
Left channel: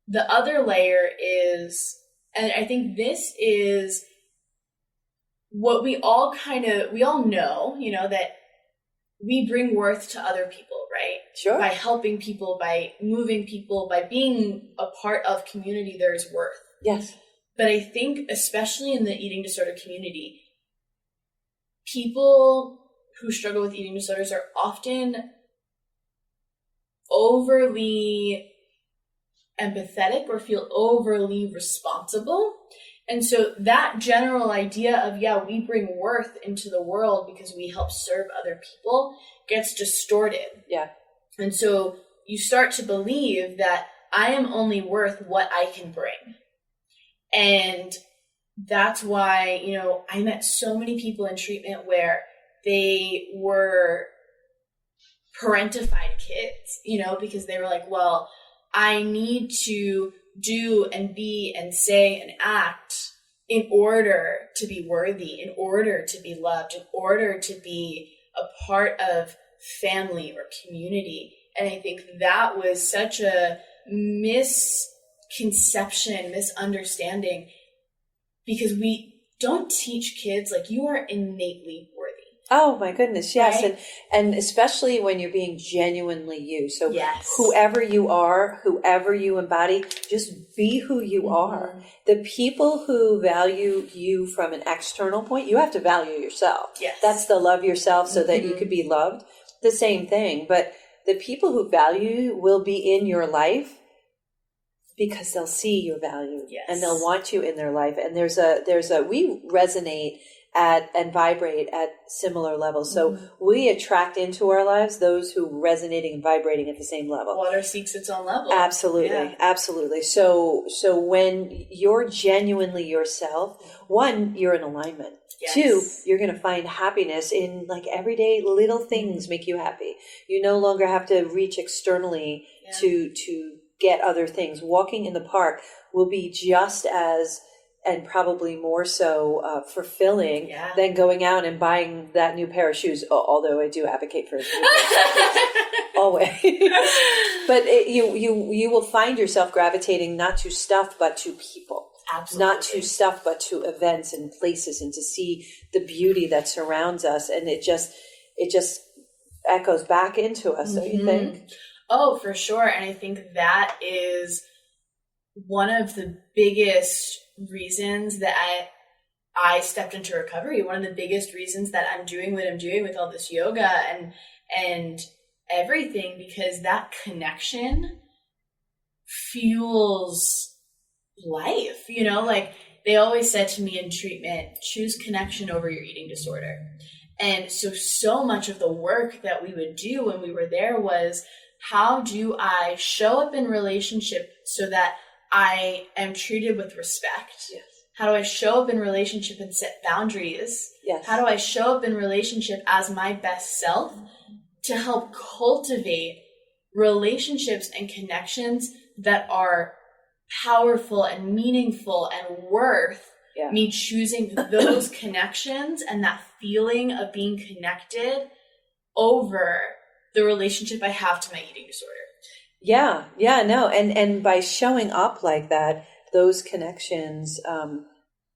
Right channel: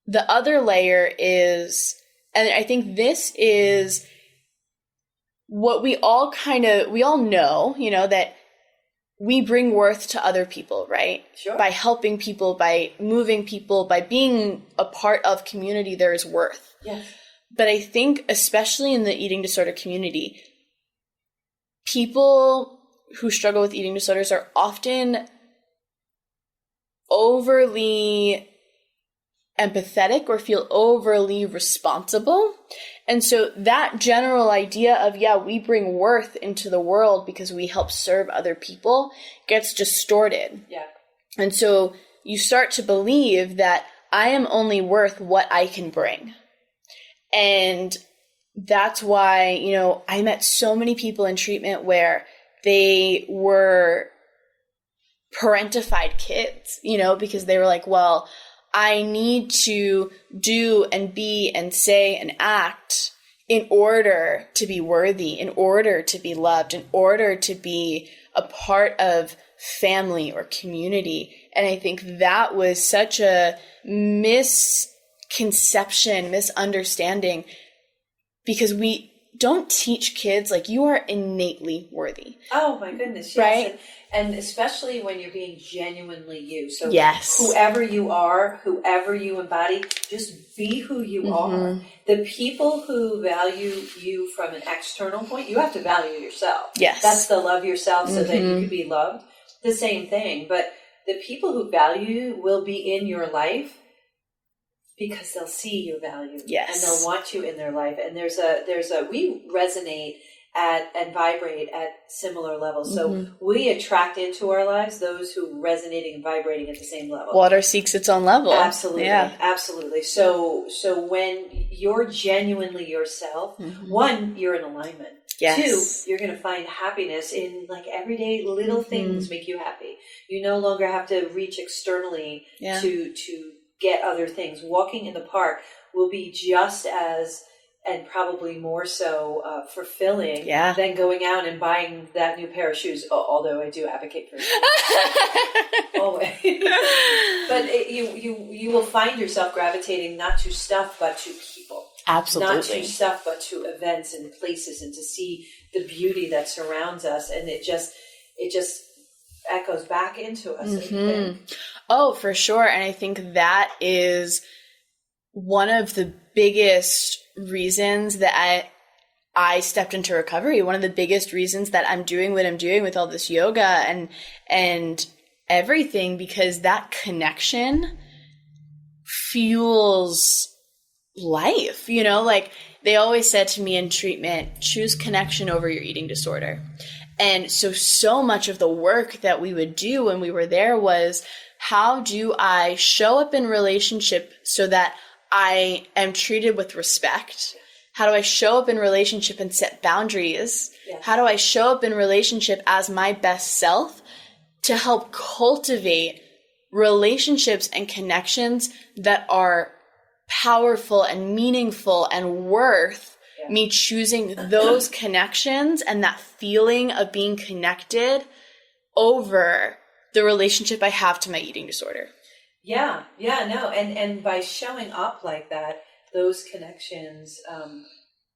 The other layer is, and I think this is what we all know, that we bring worth to other people, right? Sure. By helping people, by moving people, by being a part of community, there is worth. Yes. But I think, especially in the eating disorder community, people who struggle with eating disorders are often overly empathetic or feel overly responsible. And so that general idea of, we bring worth into the world because we help serve other people gets distorted. Yeah. And so you start to believe that I am only worth what I can bring. And that's why, I met so many people in treatment where they were parentified kids, because they were like, well, I need to do and be and say and act in order to be worthy, in order to be loved, in order to be a part of family or community. And I think that was such a misconception, misunderstanding, because we don't teach kids like you are innately worthy. Oh my goodness, yes. Right? And especially when you're being genuinely you. So yes. Whoever you are, whoever you embody, just be who you are. The people who value you from an external point, you have to value yourself. Yes. That's the love yourself so that you could be loved. The same thing. But the people who value you will be in your life because they'll see your value. Yes. And they'll want you in their life. And we resonate and vibrate at similar levels. So we attract into our lives those who are resonating and vibrating at the same level. Water seeks its own level. Absolutely. Yeah. Absolutely. So when you're genuinely yourself, one, you're in alignment. Yes. Two, you're going to find happiness in like everyday little things make you happy. You no longer have to reach externally to get other things. Walking in the park will be just as, and probably more so, fulfilling than going out and buying that new pair of shoes. Although I do advocate for it. Always. But you will find yourself gravitating not to stuff, but to people. Absolutely. Not to stuff, but to events and places, and to see the beauty that surrounds us. And it just echoes back into us, don't you think? Oh, for sure. And I think that is one of the biggest reasons that I stepped into recovery. One of the biggest reasons that I'm doing what I'm doing with all this yoga and everything, because that connection fuels life. Like they always said to me in treatment, choose connection over your eating disorder. And so much of the work that we would do when we were there was, how do I show up in relationship so that I am treated with respect? Yes. How do I show up in relationship and set boundaries? Yes. How do I show up in relationship as my best self to help cultivate relationships and connections that are powerful and meaningful and worth me choosing those connections and that feeling of being connected over the relationship I have to my eating disorder. Yeah, no. And by showing up like that, those connections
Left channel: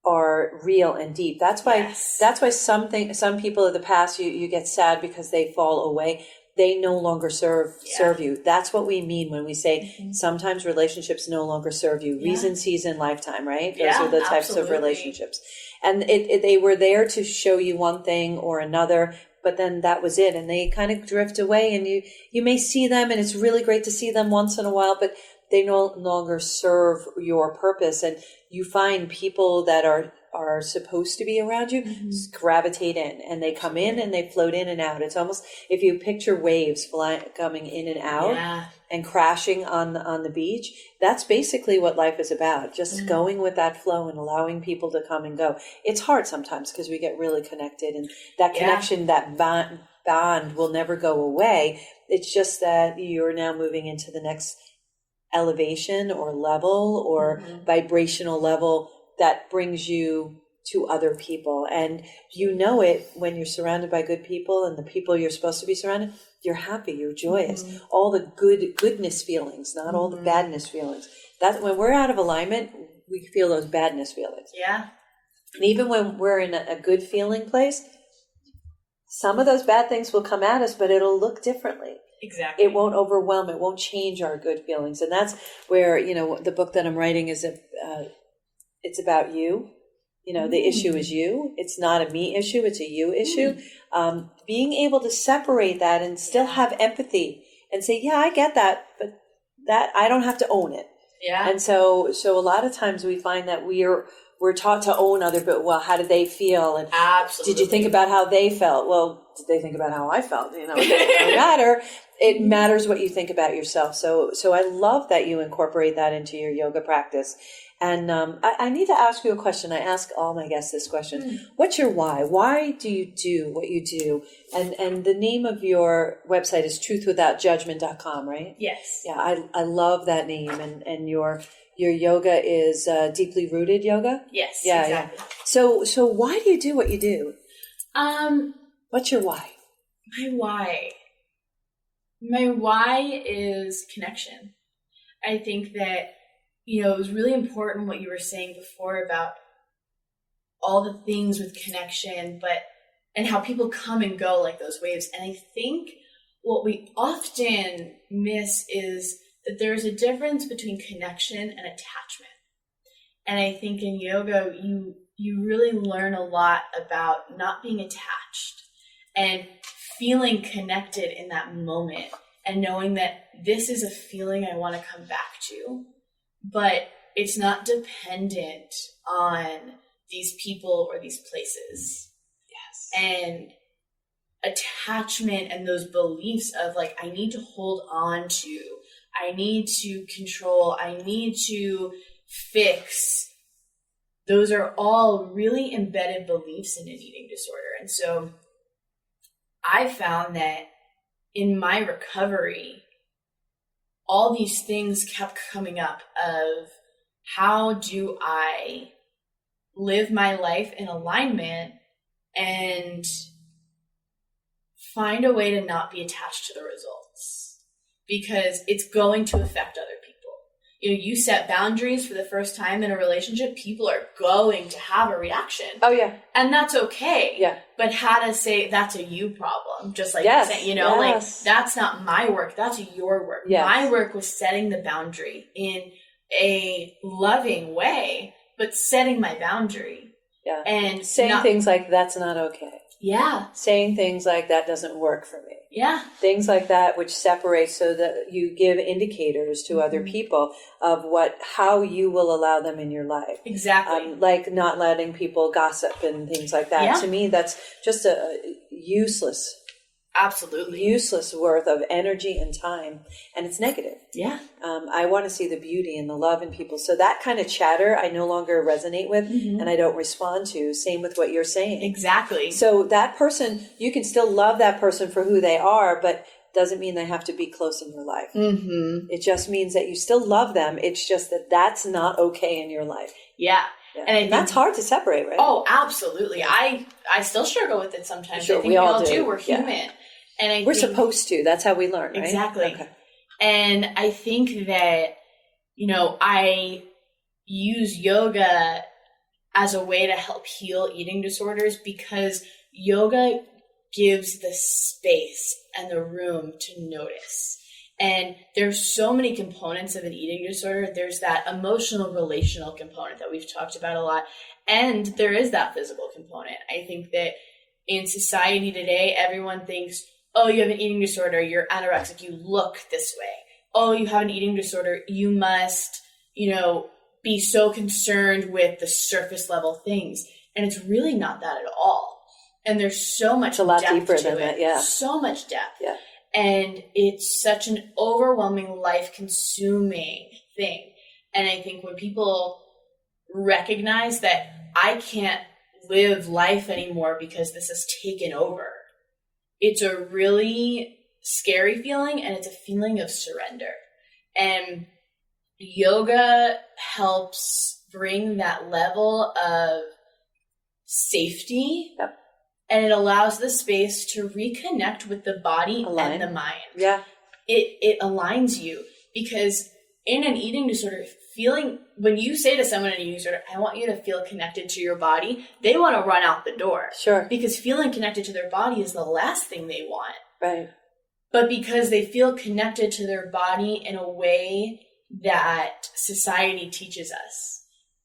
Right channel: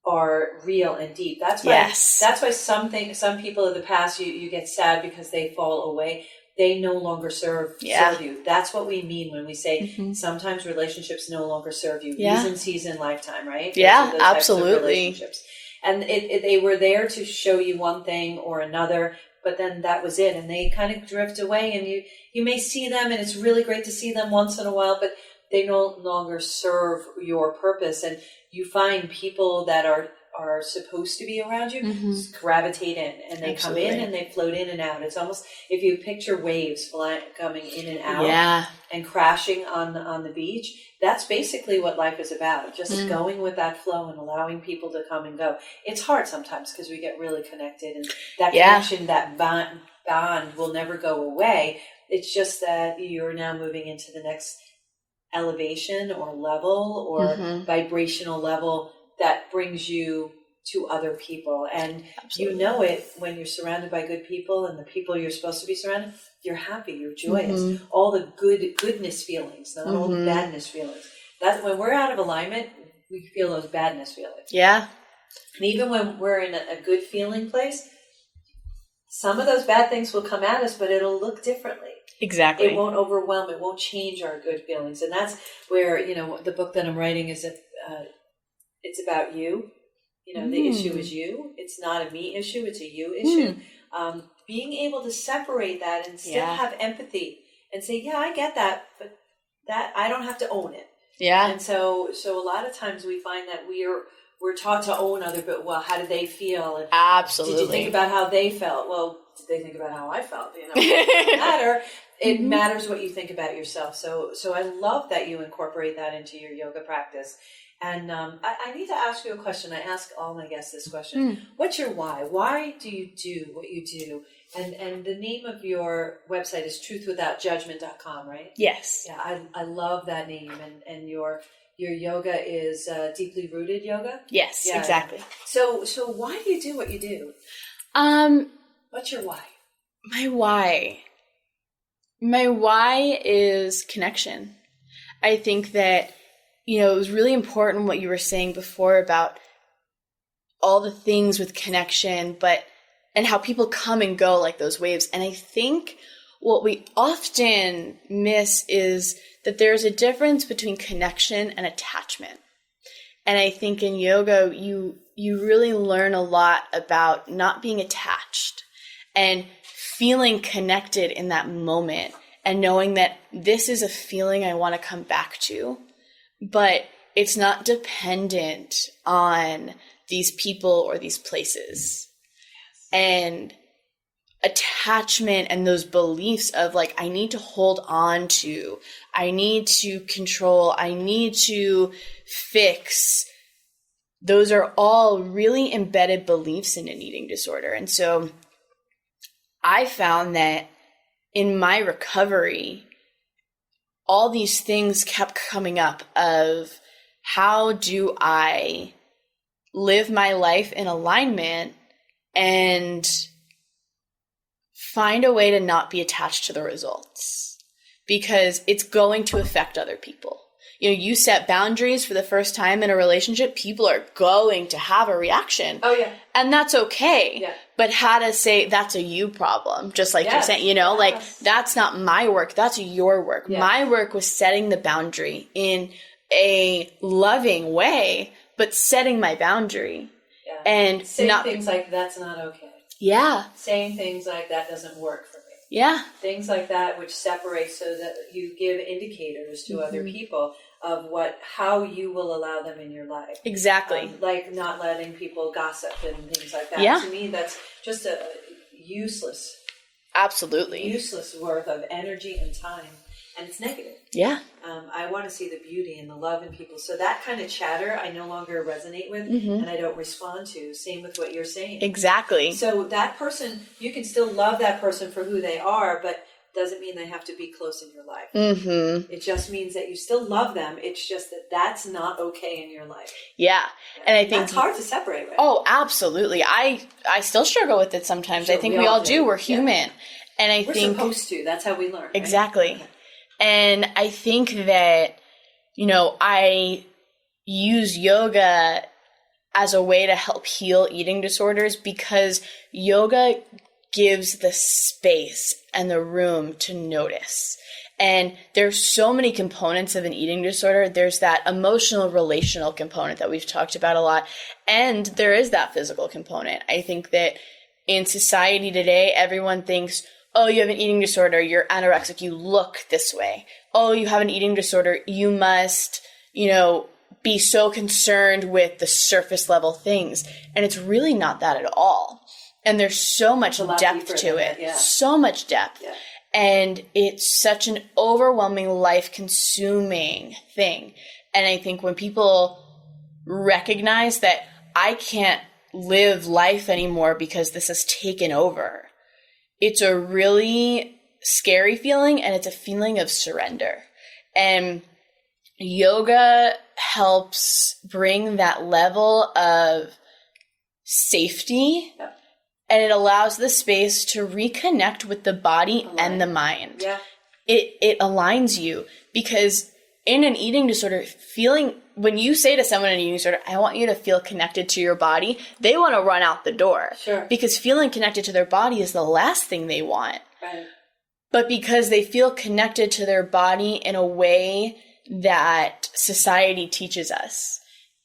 are real and deep. That's why some people of the past, you get sad because they fall away. They no longer serve you. That's what we mean when we say sometimes relationships no longer serve you. Reason, season, lifetime, right? Those are the types of relationships. And they were there to show you one thing or another, but then that was it. And they kind of drift away, and you may see them, and it's really great to see them once in a while, but they no longer serve your purpose. And you find people that are supposed to be around you gravitate in, and they come in and they float in and out. It's almost, if you picture waves coming in and out and crashing on the beach, that's basically what life is about. Just going with that flow and allowing people to come and go. It's hard sometimes because we get really connected, and that connection, that bond will never go away. It's just that you're now moving into the next elevation or level or vibrational level that brings you to other people. And you know it when you're surrounded by good people, and the people you're supposed to be surrounded, you're happy, you're joyous. All the goodness feelings, not all the badness feelings. That when we're out of alignment, we feel those badness feelings. Yeah. And even when we're in a good feeling place, some of those bad things will come at us, but it'll look differently. Exactly. It won't overwhelm. It won't change our good feelings. And that's where, the book that I'm writing is, it's about you. The issue is you. It's not a me issue. It's a you issue. Being able to separate that and still have empathy and say, yeah, I get that, but that I don't have to own it. Yeah. And so a lot of times we find that we're taught to own other, but how did they feel? And absolutely. did you think about how they felt? Well, did they think about how I felt? It doesn't matter. It matters what you think about yourself. So I love that you incorporate that into your yoga practice. And I need to ask you a question. I ask all my guests this question. What's your why? Why do you do what you do? And the name of your website is truthwithoutjudgment.com, right? Yes. Yeah, I love that name. And your yoga is deeply rooted yoga? Yes, exactly. Yeah. So why do you do what you do? What's your why? My why is connection. I think that, it was really important what you were saying before about all the things with connection, and how people come and go like those waves. And I think what we often miss is that there's a difference between connection and attachment. And I think in yoga, you really learn a lot about not being attached and feeling connected in that moment and knowing that this is a feeling I want to come back to, but it's not dependent on these people or these places. Yes. And attachment and those beliefs of I need to hold on to, I need to control, I need to fix. Those are all really embedded beliefs in an eating disorder. And so I found that in my recovery, all these things kept coming up of how do I live my life in alignment and find a way to not be attached to the results, because it's going to affect other people. You set boundaries for the first time in a relationship, people are going to have a reaction. Oh, yeah. And that's okay. Yeah. But how to say that's a you problem, just like yes. you're saying, that's not my work, that's your work. Yes. My work was setting the boundary in a loving way, but setting my boundary. Yeah. And saying things like, that's not okay. Yeah. Saying things like, that doesn't work for me. Yeah. Things like that, which separate so that you give indicators to other people of how you will allow them in your life. Exactly. Like not letting people gossip and things like that. Yeah. To me, that's just a useless worth of energy and time. And it's negative. Yeah. I want to see the beauty and the love in people. So that kind of chatter, I no longer resonate with and I don't respond to. Same with what you're saying. Exactly. So that person, you can still love that person for who they are, but doesn't mean they have to be close in your life. Mm-hmm. It just means that you still love them. It's just that that's not okay in your life. Yeah. And I think that's hard to separate, right? Oh, absolutely. I still struggle with it sometimes. Sure, I think we all do. We're human. Yeah. And we're supposed to. That's how we learn, right? Exactly. Okay. And I think that, I use yoga as a way to help heal eating disorders because yoga gives the space and the room to notice. And there's so many components of an eating disorder. There's that emotional, relational component that we've talked about a lot. And there is that physical component. I think that in society today, everyone thinks, oh, you have an eating disorder, you're anorexic, you look this way. Oh, you have an eating disorder, you must, be so concerned with the surface level things. And it's really not that at all. And there's so much depth to it. Yeah. So much depth. Yeah. And it's such an overwhelming, life-consuming thing. And I think when people recognize that I can't live life anymore because this has taken over, it's a really scary feeling, and it's a feeling of surrender. And yoga helps bring that level of safety. Yep. And it allows the space to reconnect with the body and the mind. Yeah. It aligns you because in an eating disorder, when you say to someone in an eating disorder, I want you to feel connected to your body, they want to run out the door. Sure. Because feeling connected to their body is the last thing they want. Right. But because they feel connected to their body in a way that society teaches us.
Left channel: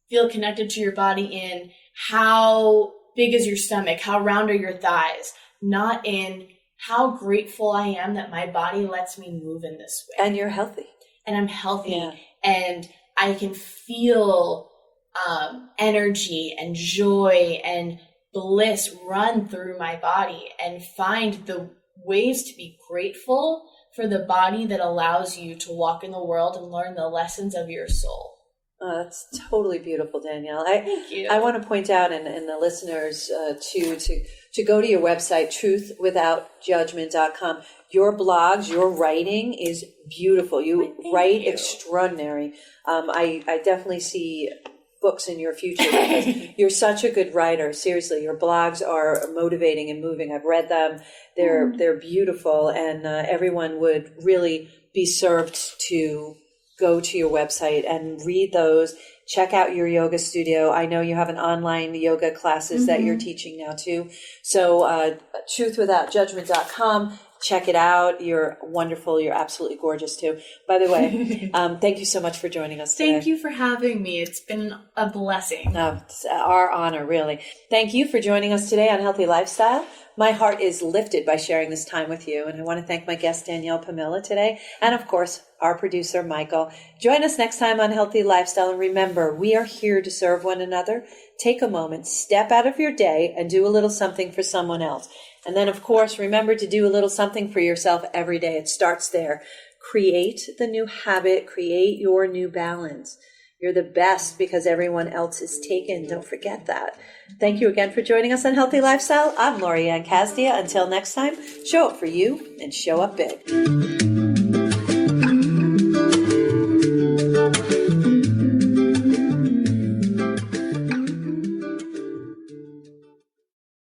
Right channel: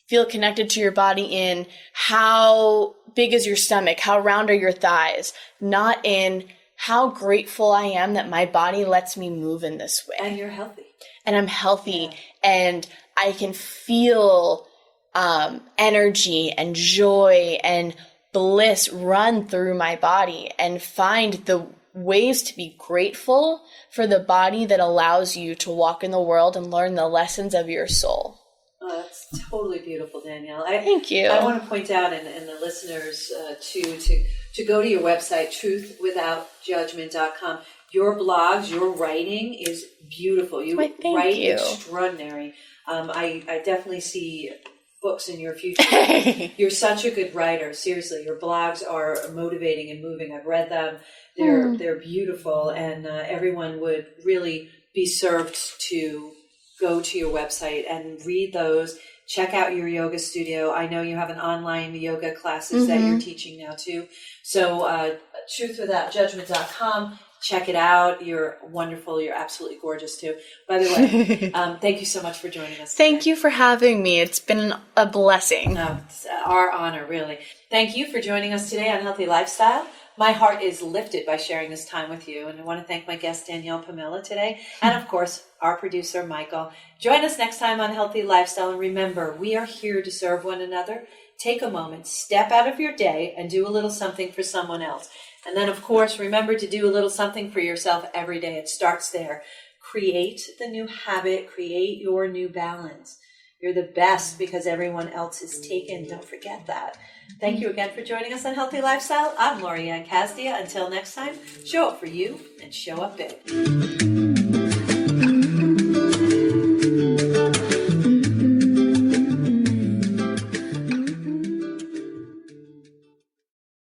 Feel connected to your body in how big is your stomach, how round are your thighs, not in how grateful I am that my body lets me move in this way. And you're healthy. And I'm healthy, and I can feel energy and joy and bliss run through my body, and find the ways to be grateful for the body that allows you to walk in the world and learn the lessons of your soul. Oh, that's totally beautiful, Danielle. Thank you. I want to point out, and the listeners to go to your website, truthwithoutjudgment.com. Your blogs, your writing is beautiful. You write extraordinary. I definitely see books in your future. You're such a good writer. Seriously, your blogs are motivating and moving. I've read them. They're beautiful, and everyone would really be served to go to your website and read those. Check out your yoga studio. I know you have an online yoga classes that you're teaching now too. So truthwithoutjudgment.com. Check it out. You're wonderful. You're absolutely gorgeous too. By the way, thank you so much for joining us today. Thank you for having me. It's been a blessing. Oh, it's our honor, really. Thank you for joining us today on Healthy Lifestyle. My heart is lifted by sharing this time with you, and I want to thank my guest, Danielle Pomilla, today, and of course, our producer, Michael. Join us next time on Healthy Lifestyle, and remember, we are here to serve one another. Take a moment, step out of your day, and do a little something for someone else. And then, of course, remember to do a little something for yourself every day. It starts there. Create the new habit. Create your new balance. You're the best because everyone else is taken. Don't forget that. Thank you again for joining us on Healthy Lifestyle. I'm Lorianne Casdia. Until next time, show up for you and show up big.